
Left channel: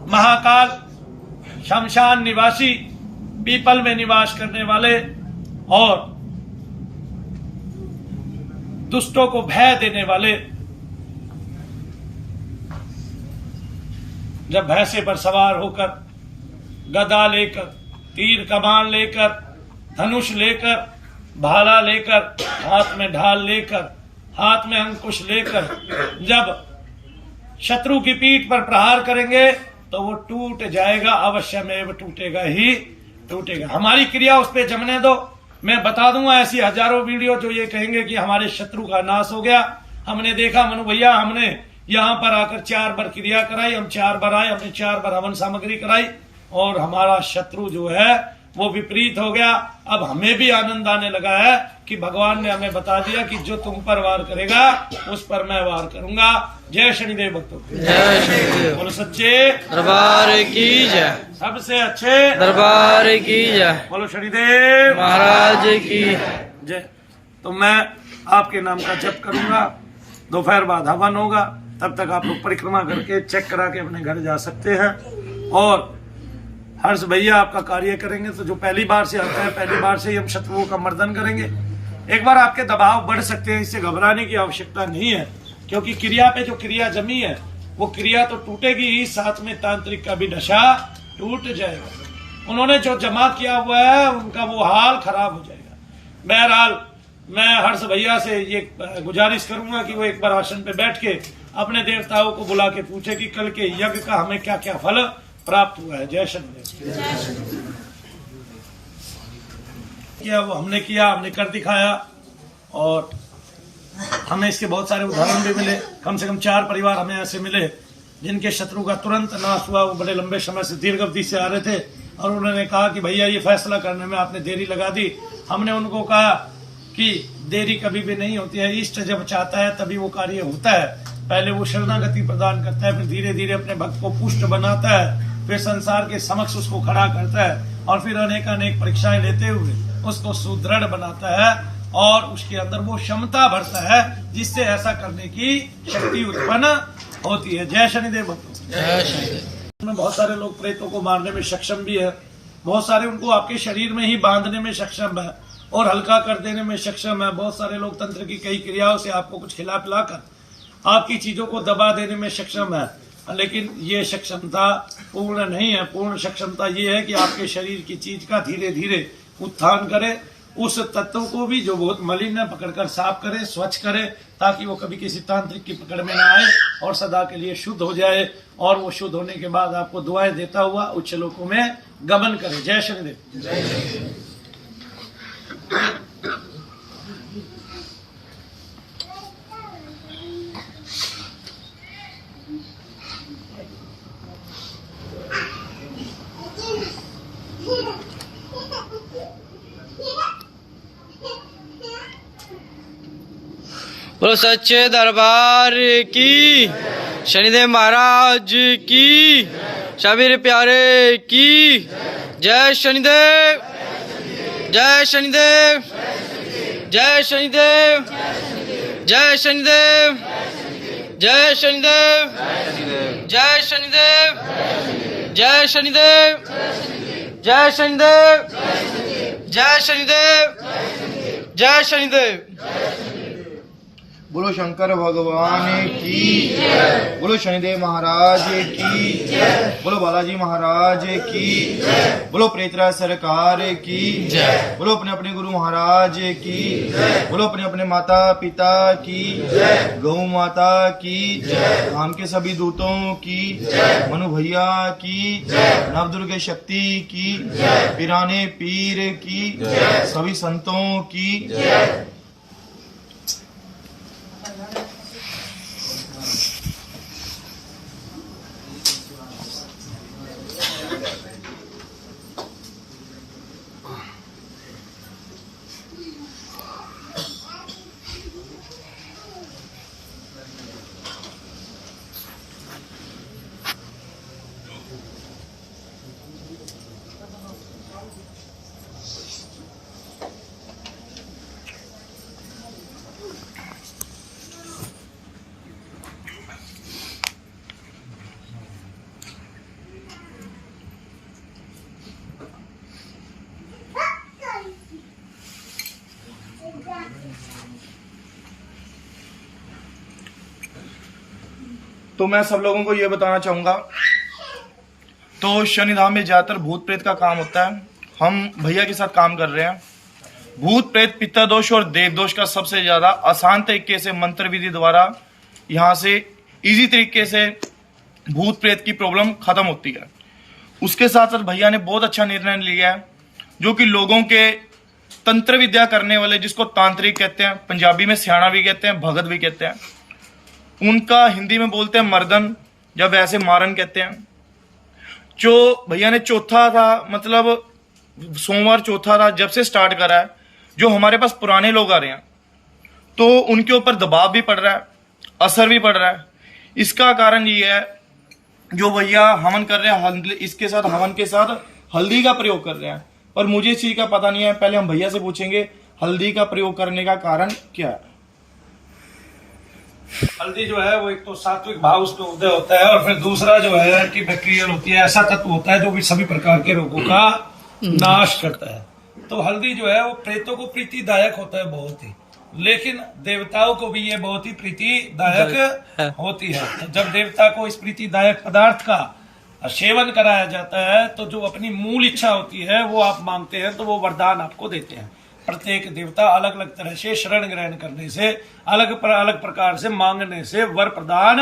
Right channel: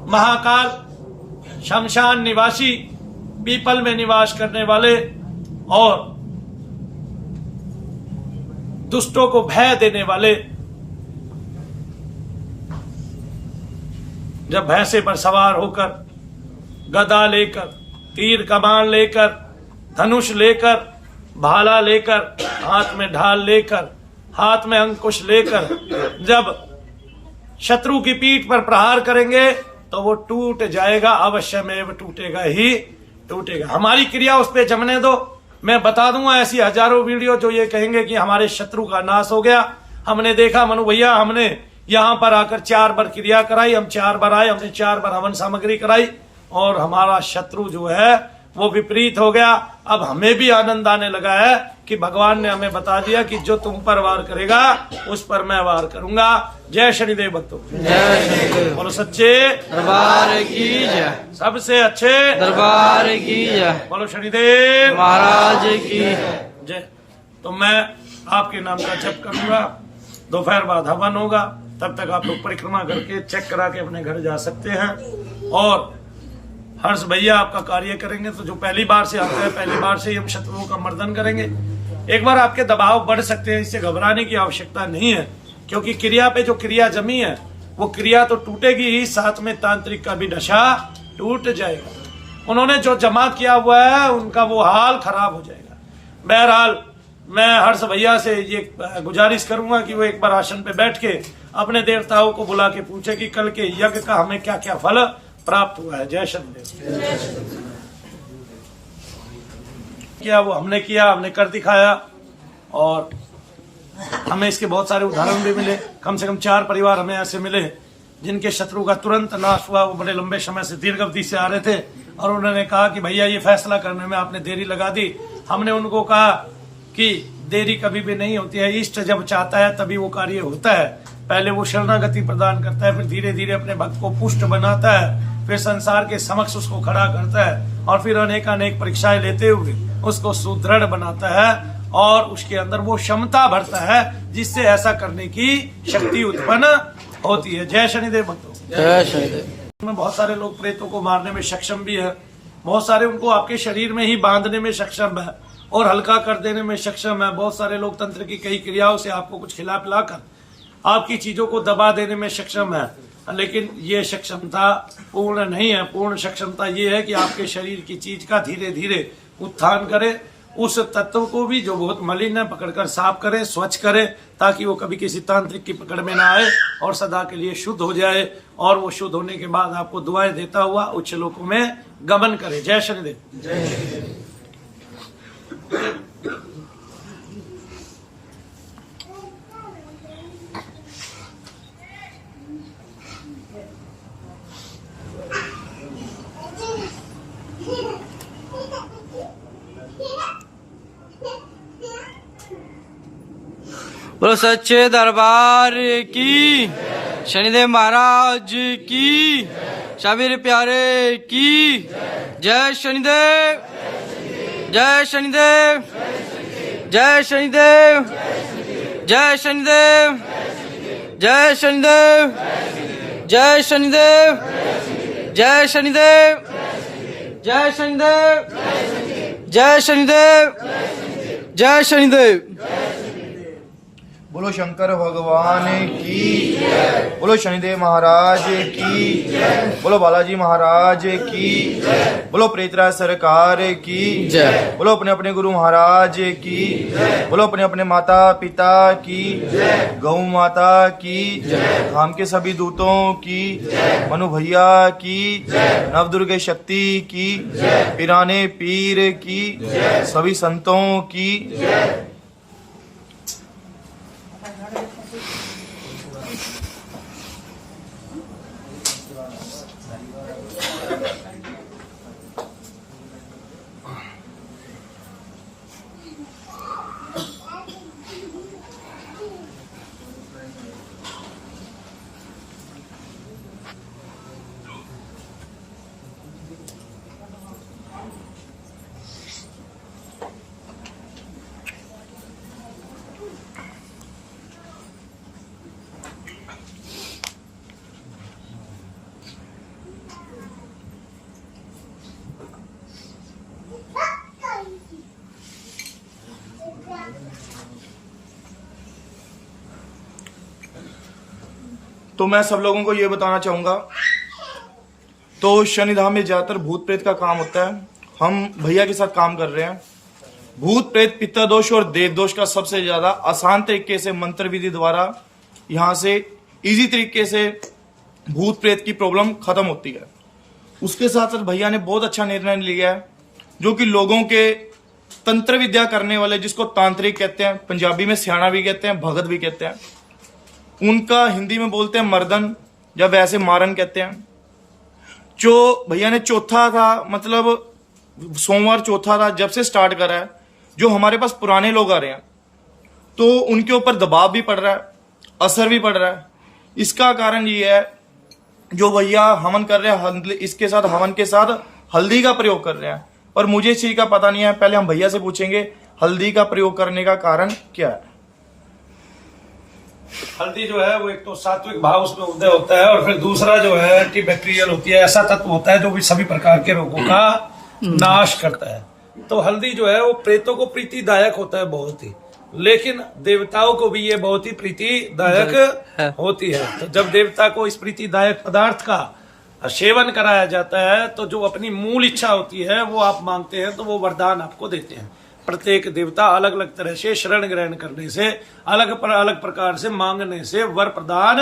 महाकाल, शमशान निवासी, पीपल में निवास करने वाले और दुष्टों को भय देने वाले। जब भैंसे पर सवार होकर, गदा लेकर, तीर कमान लेकर, धनुष लेकर, भाला लेकर, हाथ में ढाल लेकर, हाथ में अंकुश लेकर जब शत्रु की पीठ पर प्रहार करेंगे तो वो टूट जाएगा, अवश्य में टूटेगा ही टूटेगा। हमारी क्रिया उस पर जमने दो। मैं बता दूंगा ऐसी हजारों वीडियो जो ये कहेंगे कि हमारे शत्रु का नाश हो गया। हमने देखा मनु भैया, हमने यहाँ पर आकर 4 बार क्रिया कराई, हम 4 बार आए, हमने 4 बार हवन सामग्री कराई और हमारा शत्रु जो है वो विपरीत हो गया। अब हमें भी आनंद आने लगा है कि भगवान ने हमें बता दिया कि जो तुम पर वार करेगा उस पर मैं वार करूंगा। जय शनिदेव भक्तों, जय शनिदेव। बोलो सच्चे दरबार की जय, सबसे अच्छे दरबार की जय, बोलो शनिदेव महाराज की जय। तो मैं आपके नाम का जप करूंगा, दोपहर बाद हवन होगा, तब तक आप लोग परिक्रमा करके चेक करा के अपने घर जा सकते हैं। और हर्ष भैया आपका कार्य करेंगे। तो जो पहली बार से आता है, पहली बार से ही हम शत्रुओं का मर्दन करेंगे। एक बार आपके दबाव बढ़ सकते हैं, इससे घबराने की आवश्यकता नहीं है, क्योंकि क्रिया पे जो क्रिया जमी है वो क्रिया तो टूटेगी ही, साथ में तांत्रिक का भी दशा टूट जाएगा। उन्होंने जो जमा किया हुआ है उनका वो हाल खराब हो जाएगा। बहरहाल मैं हर्ष भैया से ये गुजारिश करूंगा कि वो एक बार आसन पे बैठ के अपने देवताओं को बुला के पूछे कि कल के यज्ञ का हमें क्या क्या फल प्राप्त हुआ है। जय शनिदेव। क्या वो हमने किया, हमने कर दिखाया और हमें इसके बहुत सारे उदाहरण भी मिले। कम से कम 4 परिवार हमें ऐसे मिले जिनके शत्रु का तुरंत नाश हुआ। वो बड़े लंबे समय से दीर्घ अवधि से आ रहे थे और उन्होंने कहा कि भैया ये फैसला करने में आपने देरी लगा दी। हमने उनको कहा कि देरी कभी भी नहीं होती है, इष्ट जब चाहता है तभी वो कार्य होता है। पहले वो शरणागति प्रदान करता है, फिर धीरे धीरे अपने भक्त को पुष्ट बनाता है, फिर संसार के समक्ष उसको खड़ा करता है और फिर अनेक अनेक परीक्षाएं लेते हुए उसको सुदृढ़ बनाता है और उसके अंदर वो क्षमता भरता है जिससे ऐसा करने की शक्ति उत्पन्न होती है। जय शनिदेव भक्तों, जय शनिदेव। बहुत सारे लोग प्रेतों को मारने में सक्षम भी है, बहुत सारे उनको आपके शरीर में ही बांधने में सक्षम है और हल्का कर देने में सक्षम है। बहुत सारे लोग तंत्र की कई क्रियाओं से आपको कुछ खिला पिलाकर आपकी चीजों को दबा देने में सक्षम है, लेकिन ये सक्षमता पूर्ण नहीं है। पूर्ण सक्षमता ये है कि आपके शरीर की चीज का धीरे धीरे उत्थान करे, उस तत्व को भी जो बहुत मलिन है पकड़कर साफ करे, स्वच्छ करे, ताकि वो कभी किसी तांत्रिक की पकड़ में ना आए और सदा के लिए शुद्ध हो जाए और वो शुद्ध होने के बाद आपको दुआएं देता हुआ उच्च लोकों में गमन करे। जय शनिदेव। जय शनिदेव। बोलो सच्चे दरबार की, शनिदेव महाराज की, शबीर प्यारे की जय शनिदेव, जय शनिदेव, जय शनिदेव, जय शनिदेव, जय शनिदेव, जय शनिदेव, जय शनिदेव, जय शनिदेव, जय शनिदेव, जय शनिदेव। बोलो शंकर भगवान की, बोलो शनिदेव महाराज की, बोलो बालाजी महाराज की, बोलो प्रेतराज सरकार की, बोलो अपने अपने गुरु महाराज की, बोलो अपने अपने माता पिता की, गौ माता की, धाम के सभी दूतों की, मनु भैया की, नवदुर्गे शक्ति की, पिराने पीर की, सभी संतों की। तो मैं सब लोगों को ये बताना चाहूंगा, तो शनिधाम में ज्यादातर भूत प्रेत का काम होता है। हम भैया के साथ काम कर रहे हैं। भूत प्रेत पित्ता दोष और देव दोष का सबसे ज्यादा आसान तरीके से मंत्र विधि द्वारा यहाँ से इजी तरीके से भूत प्रेत की प्रॉब्लम खत्म होती है। उसके साथ साथ भैया ने बहुत अच्छा निर्णय लिया है, जो कि लोगों के तंत्र विद्या करने वाले, जिसको तांत्रिक कहते हैं, पंजाबी में स्याणा भी कहते हैं, भगत भी कहते हैं, उनका हिंदी में बोलते हैं मर्दन या वैसे मारन कहते हैं। जो भैया ने चौथा था, मतलब सोमवार चौथा था, जब से स्टार्ट करा है, जो हमारे पास पुराने लोग आ रहे हैं तो उनके ऊपर दबाव भी पड़ रहा है, असर भी पड़ रहा है। इसका कारण ये है, जो भैया हवन कर रहे हैं, इसके साथ हवन के साथ हल्दी का प्रयोग कर रहे हैं, और मुझे इस चीज का पता नहीं है। पहले हम भैया से पूछेंगे हल्दी का प्रयोग करने का कारण क्या है। हल्दी जो है वो एक तो सात्विक भाव उसमें उदय होता है, और फिर दूसरा जो है एंटीबैक्टीरियल होती है, ऐसा तत्व होता है जो भी सभी प्रकार के रोगों का नाश करता है। तो हल्दी जो है वो प्रेतों को प्रीतिदायक होता है बहुत ही, लेकिन देवताओं को भी ये बहुत ही प्रीतिदायक होती है। तो जब देवता को इस प्रीतिदायक पदार्थ का सेवन कराया जाता है, तो जो अपनी मूल इच्छा होती है वो आप मांगते हैं, तो वो वरदान आपको देते हैं। प्रत्येक देवता अलग अलग तरह से शरण ग्रहण करने से, अलग प्रकार से मांगने से वर प्रदान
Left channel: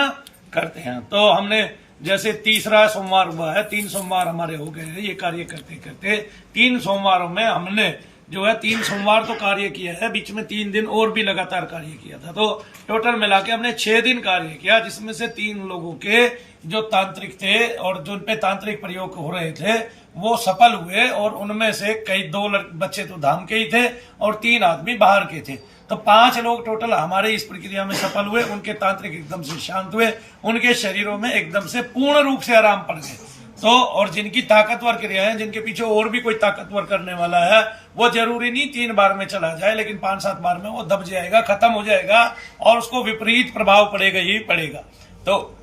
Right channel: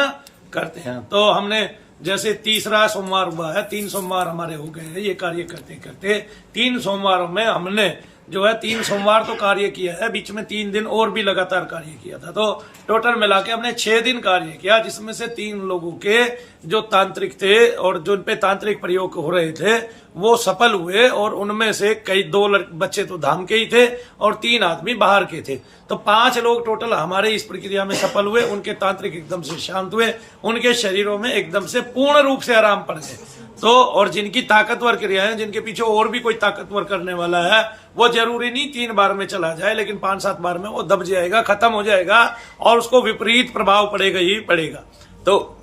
करते हैं। तो हमने जैसे तीसरा सोमवार हुआ है, 3 सोमवार हमारे हो गए हैं ये कार्य करते करते। 3 सोमवारों में हमने जो है 3 सोमवार तो कार्य किया है, बीच में 3 दिन और भी लगातार कार्य किया था। तो टोटल मिला के हमने 6 दिन कार्य किया, जिसमें से 3 लोगों के जो तांत्रिक थे और जो उन पे तांत्रिक प्रयोग हो रहे थे वो सफल हुए, और उनमें से कई 2 बच्चे तो धाम के ही थे और 3 आदमी बाहर के थे। तो 5 लोग टोटल हमारे इस प्रक्रिया में सफल हुए। उनके तांत्रिक एकदम से शांत हुए, उनके शरीरों में एकदम से पूर्ण रूप से आराम पड़ गए। तो और जिनकी ताकतवर क्रियाएं, जिनके पीछे और भी कोई ताकतवर करने वाला है, वो जरूरी नहीं 3 बार में चला जाए, लेकिन 5-7 बार में वो दब जाएगा, खत्म हो जाएगा, और उसको विपरीत प्रभाव पड़ेगा ही पड़ेगा। तो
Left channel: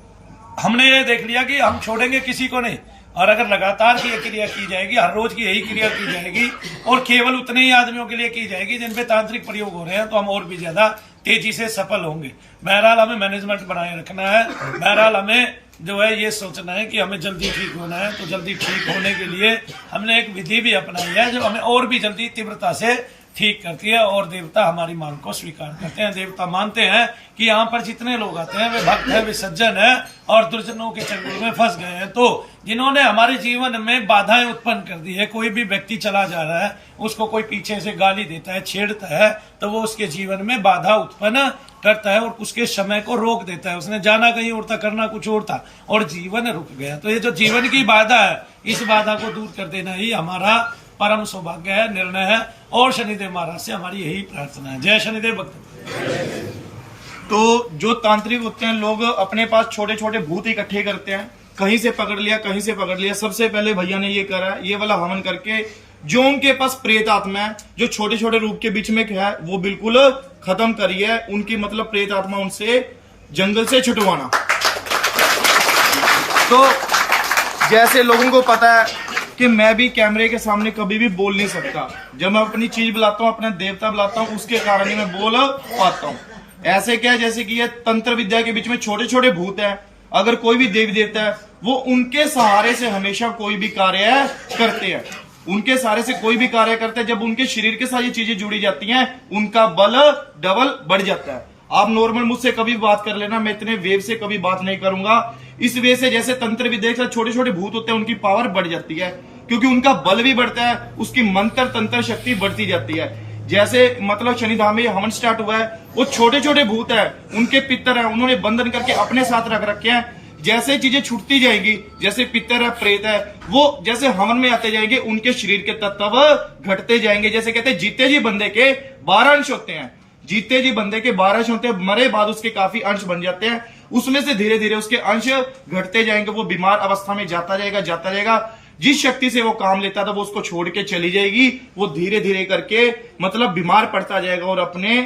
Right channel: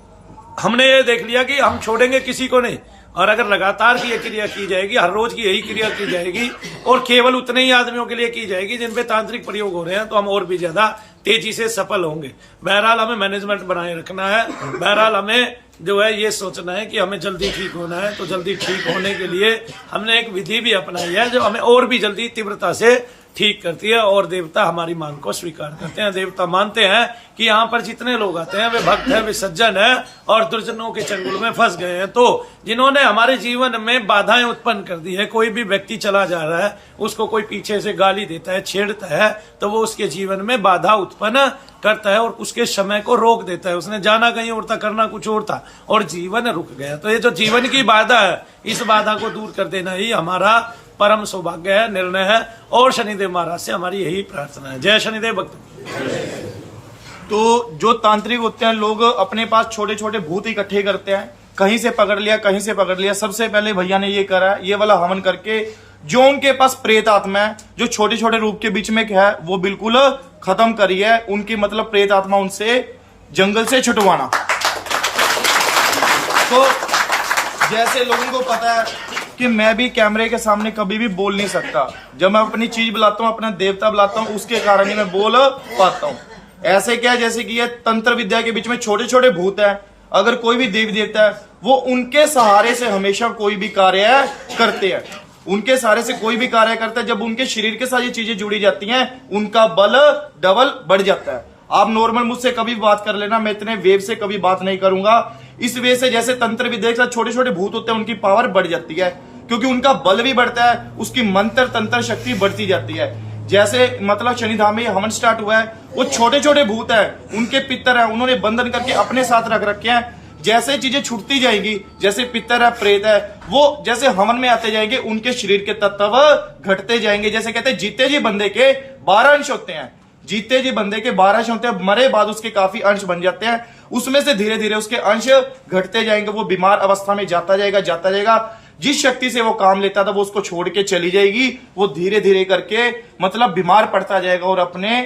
हमने ये देख लिया कि हम छोड़ेंगे किसी को नहीं, और अगर लगातार की क्रिया की जाएगी, हर रोज की यही क्रिया की जाएगी, और केवल उतने ही आदमियों के लिए की जाएगी जिन पे तांत्रिक प्रयोग हो रहे हैं, तो हम और भी ज्यादा तेजी से सफल होंगे। बहरहाल हमें मैनेजमेंट बनाए रखना है। बहरहाल हमें जो है ये सोचना है कि हमें जल्दी ठीक होना है। तो जल्दी ठीक होने के लिए हमने एक विधि भी अपनाई है जो हमें और भी जल्दी तीव्रता से ठीक करती है, और देवता हमारी मांग को स्वीकार करते हैं। देवता मानते हैं कि यहाँ पर जितने लोग आते हैं वे भक्त हैं, वे सज्जन हैं, और दुर्जनों के चंगुल में फंस गए हैं। तो जिन्होंने हमारे जीवन में बाधाएं उत्पन्न कर दी है, कोई भी व्यक्ति चला जा रहा है, उसको कोई पीछे से गाली देता है, छेड़ता है, तो वो उसके जीवन में बाधा उत्पन्न करता है और उसके समय को रोक देता है। उसने जाना कहीं और था, करना कुछ और था, और जीवन रुक गया। तो ये जो जीवन की बाधा है, इस बाधा को दूर कर देना ही हमारा परम सौभाग्य है, निर्णय है, और शनिदेव महाराज से हमारी यही प्रार्थना है। जय शनिदेव भक्तों। तो जो तांत्रिक होते हैं, लोग अपने पास छोटे छोटे भूत इकट्ठे करते हैं, कहीं से पकड़ लिया, कहीं से पकड़ लिया। सबसे पहले भैया ने ये करा, ये वाला हवन करके जो उनके पास प्रेत आत्मा है, जो छोटे छोटे रूप के बीच में है, वो बिल्कुल खत्म करी है। उनकी मतलब प्रेत आत्मा उनसे जंगल से छुटवाना। तो जैसे लोगों को पता है कि मैं भी कैमरे के सामने कभी भी बोल नहीं सकता, जब मैं अपनी चीज बुलाता हूँ, अपना देवता बुलाता हूँ, उसके कारण ही मैं बोल पाता हूँ। ऐसे क्या है, जैसे कि ये तंत्र विद्या के बीच में छोटे छोटे भूत है, अगर कोई भी देवी देवता है, वो उनके सहारे से हमेशा कोई भी कार्य करते हैं, उनके सहारे से कोई भी कार्य करते हैं। जब उनके शरीर के साथ ये चीजें जुड़ी जाती हैं, उनका बल डबल बढ़ जाता है। आप नॉर्मल मुझसे कभी बात कर लेना, मैं इतने वेव से कभी बात नहीं करूंगा। इस वजह से जैसे तंत्र विद्या के साथ छोटे छोटे भूत होते हैं, उनकी पावर बढ़ जाती है, क्योंकि उनका बल भी बढ़ता है, उसकी मंत्र तंत्र शक्ति बढ़ती जाती है। जैसे मतलब शनिधाम में हवन स्टार्ट हुआ है, वो छोटे छोटे भूत है, उनके पितर है, उन्होंने बंधन करके अपने साथ रख रखे हैं। जैसे चीजें छूटती जाएंगी, जैसे पितर है, प्रेत है, वो जैसे हवन में आते जाएंगे, उनके शरीर के तत्व घटते जाएंगे। जैसे कहते हैं जीते जी बंदे के 12 अंश होते हैं, जीते जी बंदे के 12 अंश होते हैं, मरे बाद उसके काफी अंश बन जाते हैं। उसमें से धीरे धीरे उसके अंश घटते जाएंगे, वो बीमार अवस्था में जाता जाएगा। जिस शक्ति से वो काम लेता था, वो उसको छोड़ के चली जाएगी। वो धीरे धीरे करके मतलब बीमार पड़ता जाएगा और अपने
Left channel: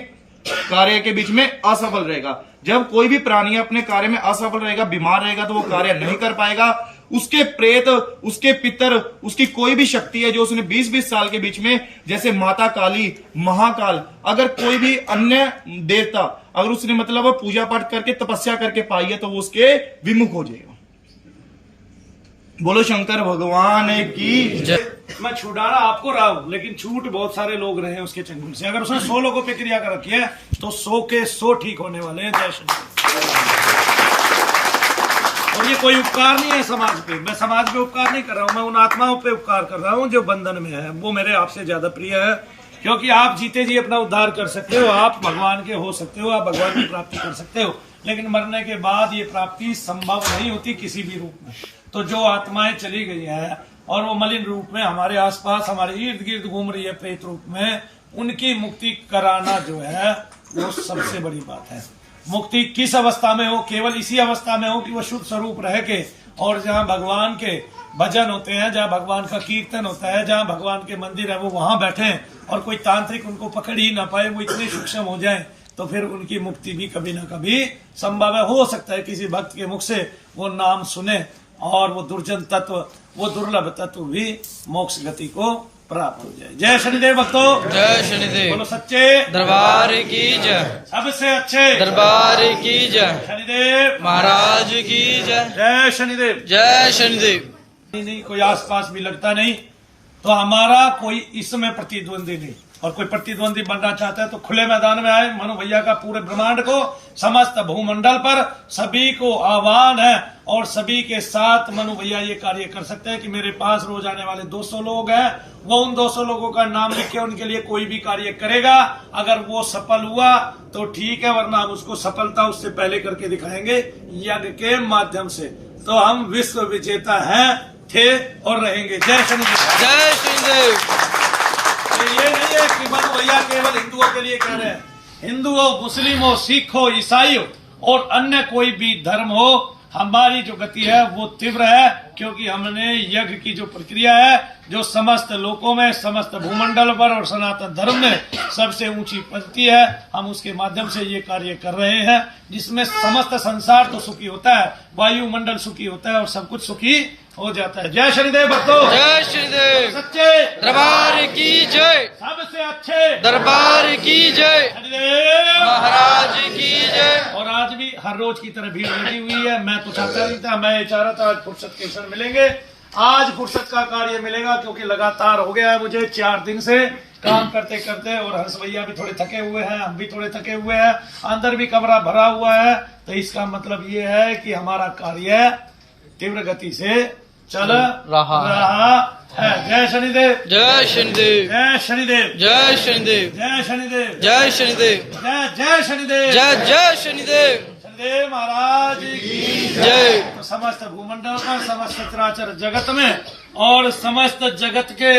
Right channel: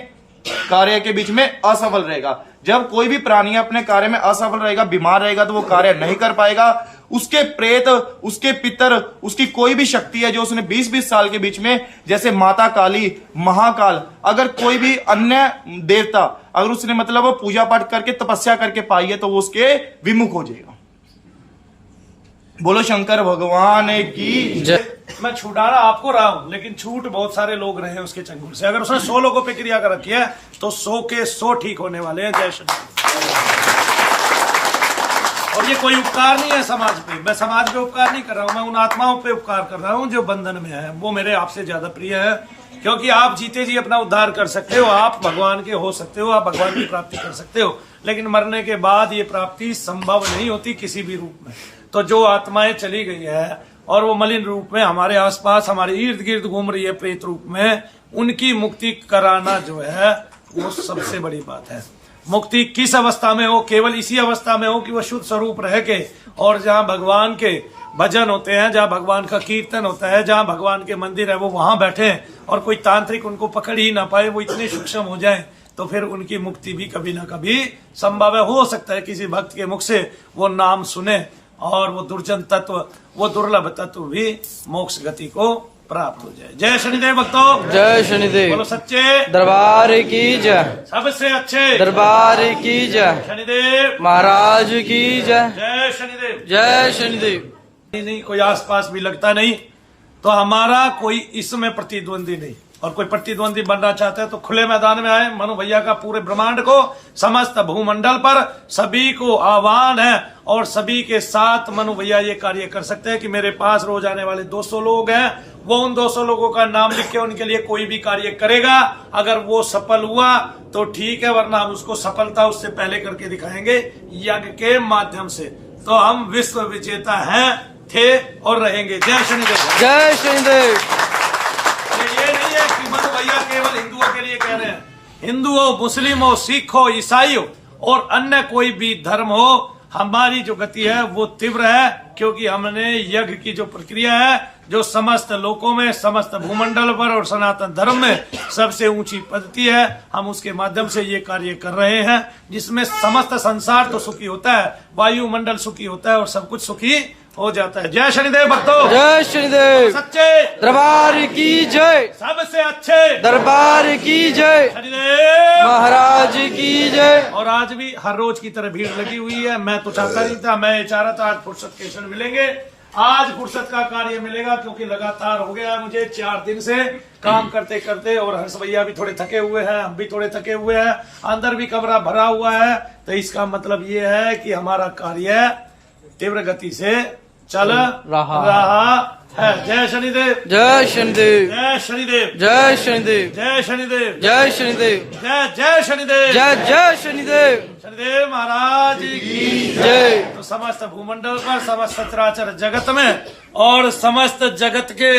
कार्य के बीच में असफल रहेगा। जब कोई भी प्राणी अपने कार्य में असफल रहेगा, बीमार रहेगा, तो वो कार्य नहीं कर पाएगा। उसके प्रेत, उसके पितर, उसकी कोई भी शक्ति है जो उसने 20-20 साल के बीच में, जैसे माता काली, महाकाल, अगर कोई भी अन्य देवता अगर उसने मतलब पूजा पाठ करके तपस्या करके पाई है, तो वो उसके विमुख हो जाएगा। बोलो शंकर भगवान की जय। मैं छुड़ाना आपको रहा हूं, लेकिन छूट बहुत सारे लोग रहे हैं उसके चंगुल से। अगर उसने 100 लोगों पे क्रिया कर रखी है, तो 100 के 100 ठीक होने वाले हैं। जय श्री राम। और ये कोई उपकार नहीं है समाज पे, मैं समाज पे उपकार नहीं कर रहा हूं, मैं उन आत्माओं पे उपकार कर रहा हूं जो बंधन में है। वो मेरे आपसे ज्यादा प्रिय है, क्योंकि आप जीते जी अपना उद्धार कर सकते हो, आप भगवान के हो सकते हो, आप भगवान की प्राप्ति कर सकते हो, लेकिन मरने के बाद ये प्राप्ति संभव नहीं होती किसी भी रूप में। तो जो आत्माएं चली गई है और वो मलिन रूप में हमारे आसपास, हमारे इर्द गिर्द घूम रही है प्रेत रूप में, उनकी मुक्ति कराना जो है वो सबसे बड़ी बात है। मुक्ति किस अवस्था में हो? केवल इसी अवस्था में हो कि वो शुद्ध स्वरूप रह के, और जहाँ भगवान के भजन होते हैं, जहाँ भगवान का कीर्तन होता है, जहाँ भगवान के मंदिर है, वो वहां बैठे और कोई तांत्रिक उनको पकड़ ही ना पाए, वो इतने सूक्ष्म हो जाएं, तो फिर उनकी मुक्ति भी कभी ना कभी संभव है। हो सकता है किसी भक्त के मुख से वो नाम सुने और वो दुर्जन तत्व, वो दुर्लभ तत्व भी मोक्ष गति को प्राप्त हो जाए। जय शनिदेव भक्तों, जय शनिदेव। बोलो सच्चे दरबार की जय, सबसे अच्छे दरबार की जय, शनिदेव महाराज की जय। जय शनिदेव। जय शनिदेव। नहीं कोई आसपास भी लगता नहीं, तो हमारा कोई इसमें प्रतिद्वंदी नहीं, और कोई प्रतिद्वंदी बनना चाहता है तो खुले मैदान में आए। मनु भैया का पूरे ब्रह्मांड को, समस्त भूमंडल पर सभी को आह्वान है, और सभी के साथ मनु भैया ये कार्य कर सकते हैं कि मेरे पास रोज आने वाले 200 लोग हैं, वो उन 200 लोगों का नाम लिख के उनके लिए कोई भी कार्य करेगा। अगर वो सफल हुआ तो ठीक है, वरना हम उसको सफलता उससे पहले करके दिखाएंगे यज्ञ के माध्यम से। तो हम विश्व विजेता हैं, थे और रहेंगे। जय शनिदेव। जय शनिदेव। ये नहीं है कि मनु भैया केवल हिंदुओं के लिए कह रहे हैं। हिंदू हो, मुस्लिम हो, सिख हो, ईसाई हो और अन्य कोई भी धर्म हो, हमारी जो गति है वो तीव्र है, क्योंकि हमने यज्ञ की जो प्रक्रिया है, जो समस्त लोकों में, समस्त भूमंडल पर और सनातन धर्म में सबसे ऊंची पद्धति है, हम उसके माध्यम से ये कार्य कर रहे हैं, जिसमें समस्त संसार तो सुखी होता है, वायुमंडल सुखी होता है और सब कुछ सुखी हो जाता है। जय शनिदेव भक्तों, जय शनिदेव। सच्चे दरबार की जय, सबसे अच्छे दरबार की जय, शनिदेव महाराज की जय। और आज भी हर रोज की तरह भीड़ लगी हुई है। मैं तो चाहता नहीं था, मैं ये चाह रहा था आज फुर्सत के क्षण मिलेंगे, आज फुर्सत का कार्य मिलेगा, क्योंकि लगातार हो गया है मुझे 4 दिन से काम करते करते, और हंस भैया भी थोड़े थके हुए हैं, हम भी थोड़े थके हुए हैं, अंदर भी कमरा भरा हुआ है। तो इसका मतलब ये है कि हमारा कार्य तीव्र गति से चल रहा है। जय शनिदेव। जय शनिदेव। जय शनिदेव। जय शनिदेव। जय शनिदेव। जय शनिदेव। जय जय शनिदेव। जय जय शनिदेव। शनिदेव महाराज की जय। तो समस्त भूमंडल पर, समस्त चराचर जगत में और समस्त जगत के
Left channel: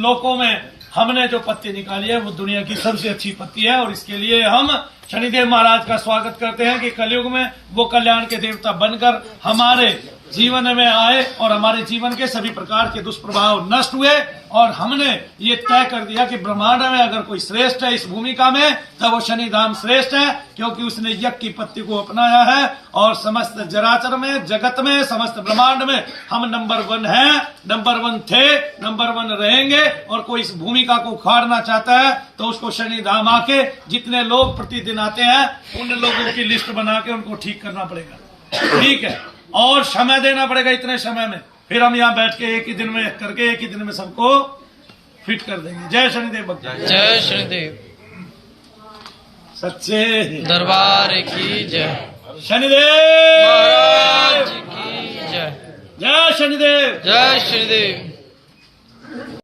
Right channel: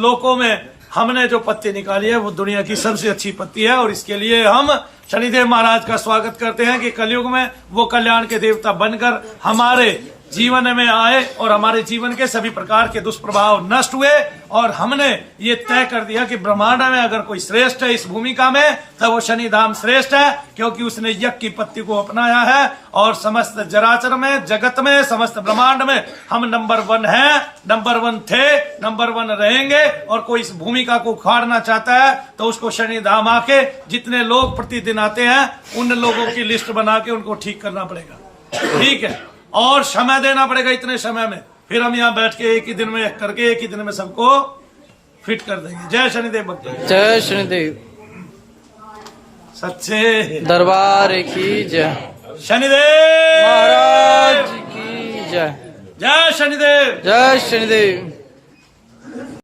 लोकों में हमने जो पत्ती निकाली है वो दुनिया की सबसे अच्छी पत्ती है, और इसके लिए हम शनिदेव महाराज का स्वागत करते हैं कि कलयुग में वो कल्याण के देवता बनकर हमारे जीवन में आए और हमारे जीवन के सभी प्रकार के दुष्प्रभाव नष्ट हुए। और हमने ये तय कर दिया कि ब्रह्मांड में अगर कोई श्रेष्ठ है इस भूमिका में तो वो शनिधाम श्रेष्ठ है, क्योंकि उसने यज्ञ की पत्ति को अपनाया है। और समस्त जराचर में, जगत में, समस्त ब्रह्मांड में हम नंबर 1 हैं, नंबर 1 थे, नंबर 1 रहेंगे। और कोई इस भूमिका को उखाड़ना चाहता है तो उसको शनिधाम आके जितने लोग प्रतिदिन आते हैं उन लोगों की लिस्ट बना के उनको ठीक करना पड़ेगा। ठीक है, और समय देना पड़ेगा। इतने समय में फिर हम यहाँ बैठ के एक ही दिन में करके एक ही दिन में सबको फिट कर देंगे। जय शनिदेव भक्त, जय शनिदेव, सच्चे दरबार की जय, शनिदेव महाराज की जय, जय शनिदेव। जय शनिदेव।